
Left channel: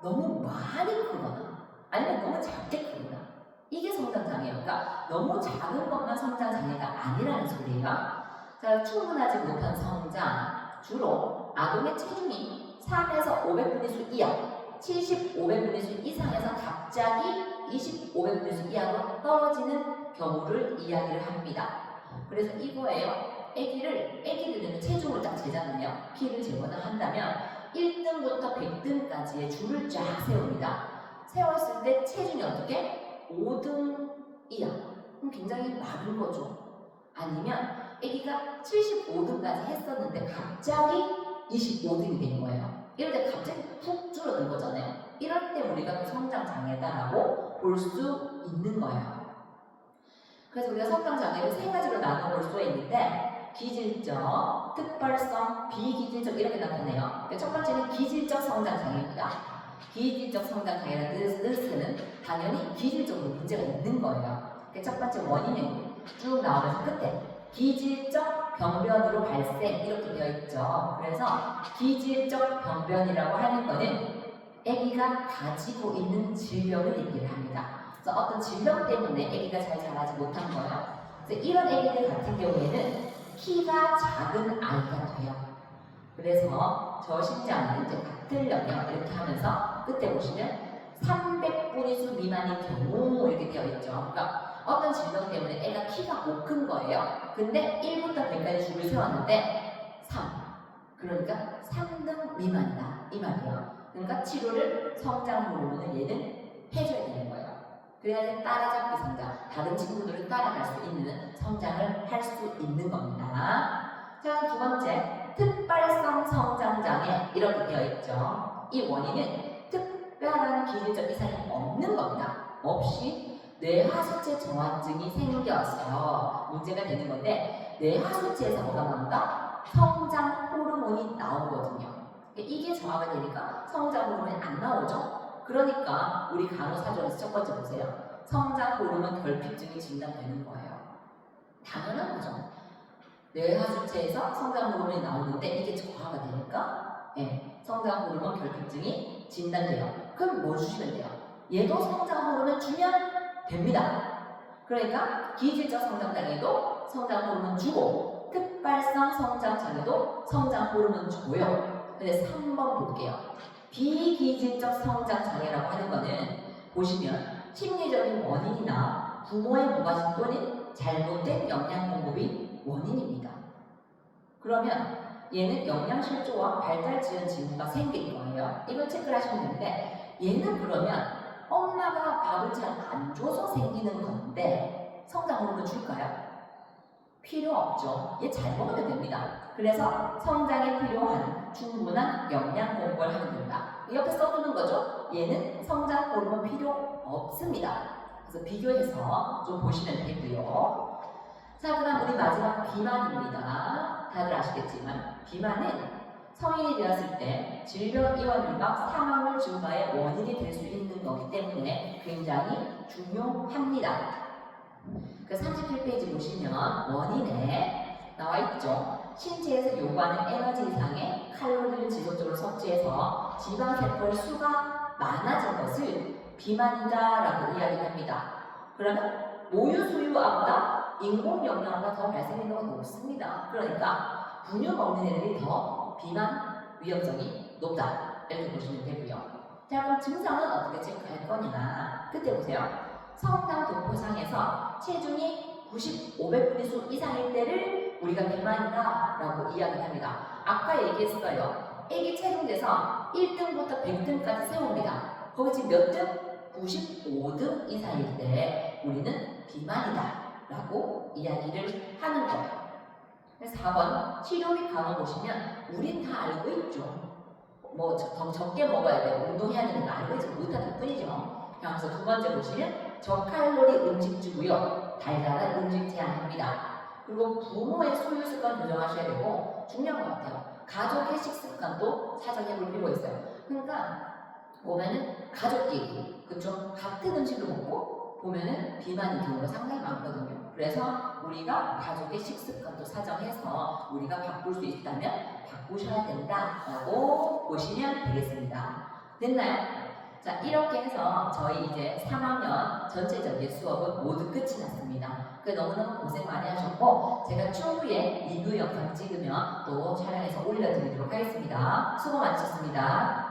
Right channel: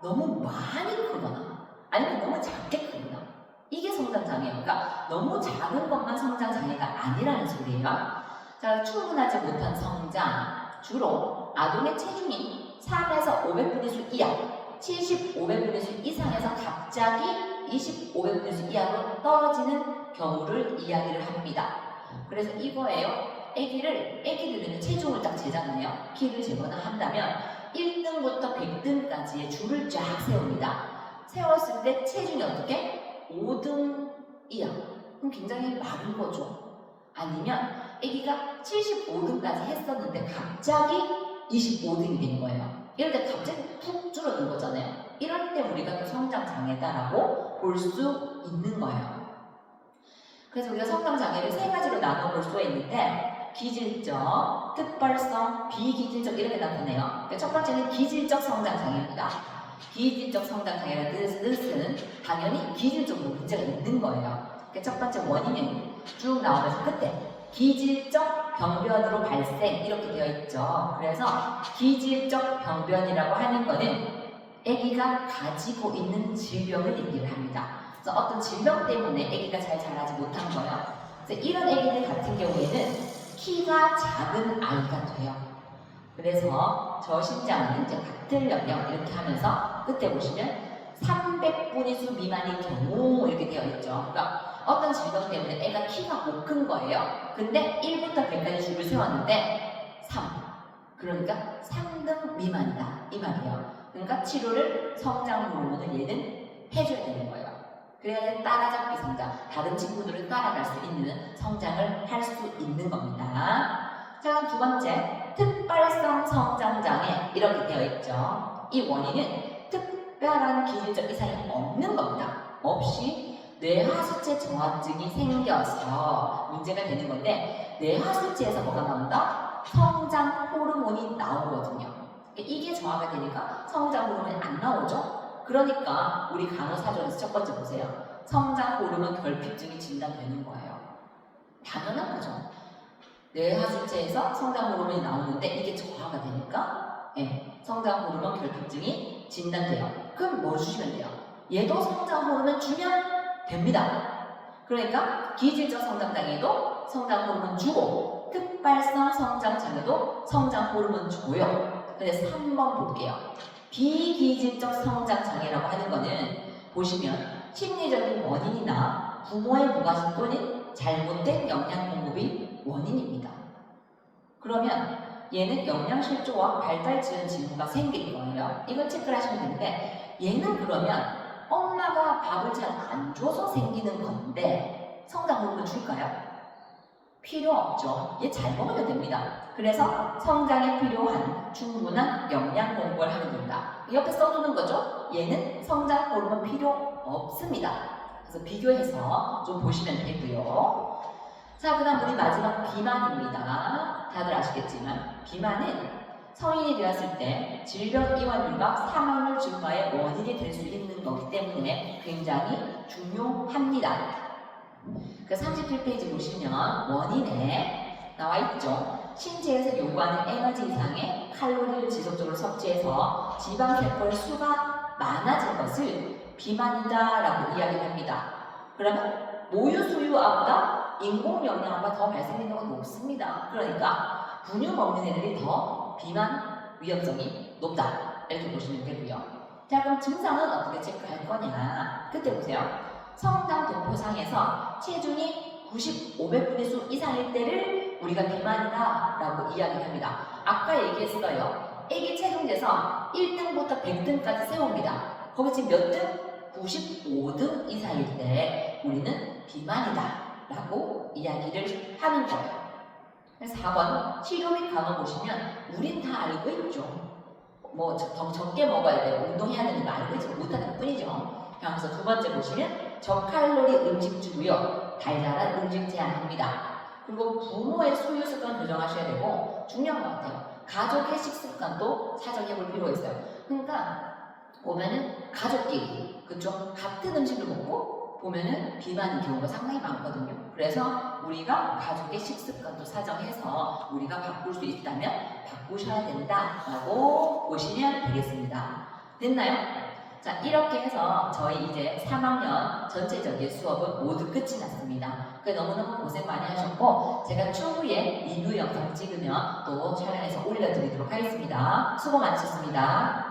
너무 많이 크거나 아니면 너무 작게 크거나 이게 성장장애예요. 그러니까 너무 작은 것만 성장장애가 아니라는 소리예요. 자, 충분하지 못한 성장, 주로 아동의 체중이 3에서 500분의 1 이하, 70, 500분의 1 이상에서 갑자기 20, 500분의 1 이하로 떨어지는 경우를 이야기를 합니다. 그래서 이거예요. 애기들은 체중을 딱 재잖아요. 키를 재거나 한다면 1등부터 100등까지의 줄을 쫙 세웁니다. 세웠을 때 체중이 어떻게? 5등 이하. 그럼 굉장히 많은 거죠. 아니면 애기가 75등까지 했었는데 갑자기 25등이 된 거예요. 이럴 때 갑자기 푹 줄어든 거잖아요. 이럴 때 우리가 성장장애다라고 볼 수 있는 거예요. 그래서 우리가 성장장애를 세 가지로 나눠볼 수 있는데 기질적, 특발성, 비기질적 이렇게 나타내요. 그러니까 첫 번째는 기질적 성장장애입니다. 기질적 성장장애라는 뜻은 당연히 기질적으로 문제가 있는 거예요. 그러니까 첫 번째 원인은 쭉 나오면서 끝에 기질적 병변으로 발생 이렇게 되어 있죠. 그래서 기질적 병변이라고 하는 거는 아기가 가지고 있는 질병을 얘기를 합니다. 그래서 어떤 질병 때문에 아기가 잘 자라지 못한 거예요. 그래서 이런 아기들 같은 경우에는 키가 작은 아이가 돼요. 그래서 저신장은 이제 같은 영역 이렇게 하면서 끝에 보시면 300분위수 미만인 경우 이렇게 되어 있죠. 그러니까 어떤 질병 때문에 애가 키가 못 큰 거예요. 근데 1부터 100까지 줄을 세웠는데 3. 그러니까 3등 미만이다. 이 말이에요. 그러니까 치료를 성장 호르몬을 얘는 해줘야 되는 거예요. 그래야 따라잡기 성장, 다른 친구들을 따라갈 수 있는 성장을 할 수 있는 겁니다. 자, 두 번째, 특발성 성장장애 이렇게 되어 있죠. 이 원인은 특별한 기질적 이상이 없는 겁니다. 없이 뇌하수체 저하증이 생겨서 문제가 되는 건데 뇌하수체에서 뭐가 나온다? 성장 호르몬이 나오거든요. 이게 저하가 되니까 성장 호르몬이 안 나오죠? 그러니까 우리 간호사전에서 첫 번째 보세요. 성장 호르몬 결핍증이 진단되는 거예요. 당연한 거죠. 뇌하수체에서 성장 호르몬이 나오는데 이게 저하가 되니까 성장 호르몬 결핍증이 진단돼요. 그럼 뭐 주시면 돼요? 얘도 성장 호르몬 주면 됩니다. 그러니까 기질적 성장장애도 성장 호르몬 주고 특발성 성장장애도 성장 호르몬 줘요. 근데 3번 볼게요. 비기질적 성장장애라고 하는 거는 보시면 심리적인 원인이나 부모의 무관심 또는 잘못된 영양 공급이 원인입니다. 그러면 얘는 영양실조와 발달 지연 징후가 생길 거예요. 이걸 체크를 하시면 되는데 얘는 그러면 엄마가 밥을 잘 안 줘서 생기는 건데 성장 호르몬 줄까요? 필요 없죠. 얘 잘 먹으면 됩니다. 그래서 성장에 필요한 충분한 영양 공급을 하면 됩니다. 옆에 써두는 거죠. 얘는 성장 호르몬 필요 없습니다. 그래서 비교해서 좀 보시면 되고요. 자, 그 다음 우리 마지막 비만입니다. 다들 아시겠지만 비만은 성인이 되었을 때 질병 이완율과 사망률 증가의 원인이 될 수 있는 거기 때문에 굉장히 중요합니다. 그 37페이지 보시면 원인에 나와 있죠. 신체에서 요구하는 에너지 이상의 칼로리를 지속적으로 섭취해서 지방세포의 수가 많아진 것을 비만이다 라고 이야기를 합니다. 그러면 모유 수유아보다 인공 영양소가 더 발생되는 건 높습니다. 그러니까 분유 먹는 애들이 더 비만 위험성이 높다 이렇게 보시면 되고요. 자, 그럼 증상은 어떻게 체크할 거냐? 그때 보세요. 성당 도표상에서 체중이 500분위수 이상일 때를 우리가 비만이다 라고 이야기합니다. 아까 얘기했어요. 애기 체중 재서 1등부터 100등까지 세웁니다. 거기 지금 몇 등? 95등 이상일 때 우리는 비만이다 라고 이야기를 하는 거예요. 4번 치료 및 간호 보시면 우린 다 알고 있죠. 뭐 더 적게 먹어야 되고 운동해야 되는 거 알고 있지 못하는 뿐이죠. 그래서 두 번째 보시면 저칼로리 음식 주고요. 달달한 음식 제한합니다. 그리고 부모의 소유 습관 조정하셔야 되고 중요한 것 같아요. 가족의 식습관도 사정해 볼 필요가 있어요. 그러니까 보면은 가족끼리 그쵸? 같은 음식을 먹고 보면은 비만인 경우가 상당히 많거든요. 그래서 우리가 가족의 식습관도 사정해서 우리가 바꿀 수 있다면 바꾸셔야 된다라고 보시면 되겠습니다. 됐나요? 자, 이렇게 해서 저희 이제 3학년 전체적인 수업은 모두 끝이 났습니다. 너무너무 고생 많이 하셨고 제가 추후에 리뷰 영상 찍으면 또 촬영해서 올려드리도록 하겠습니다. 수고 많으셨습니다.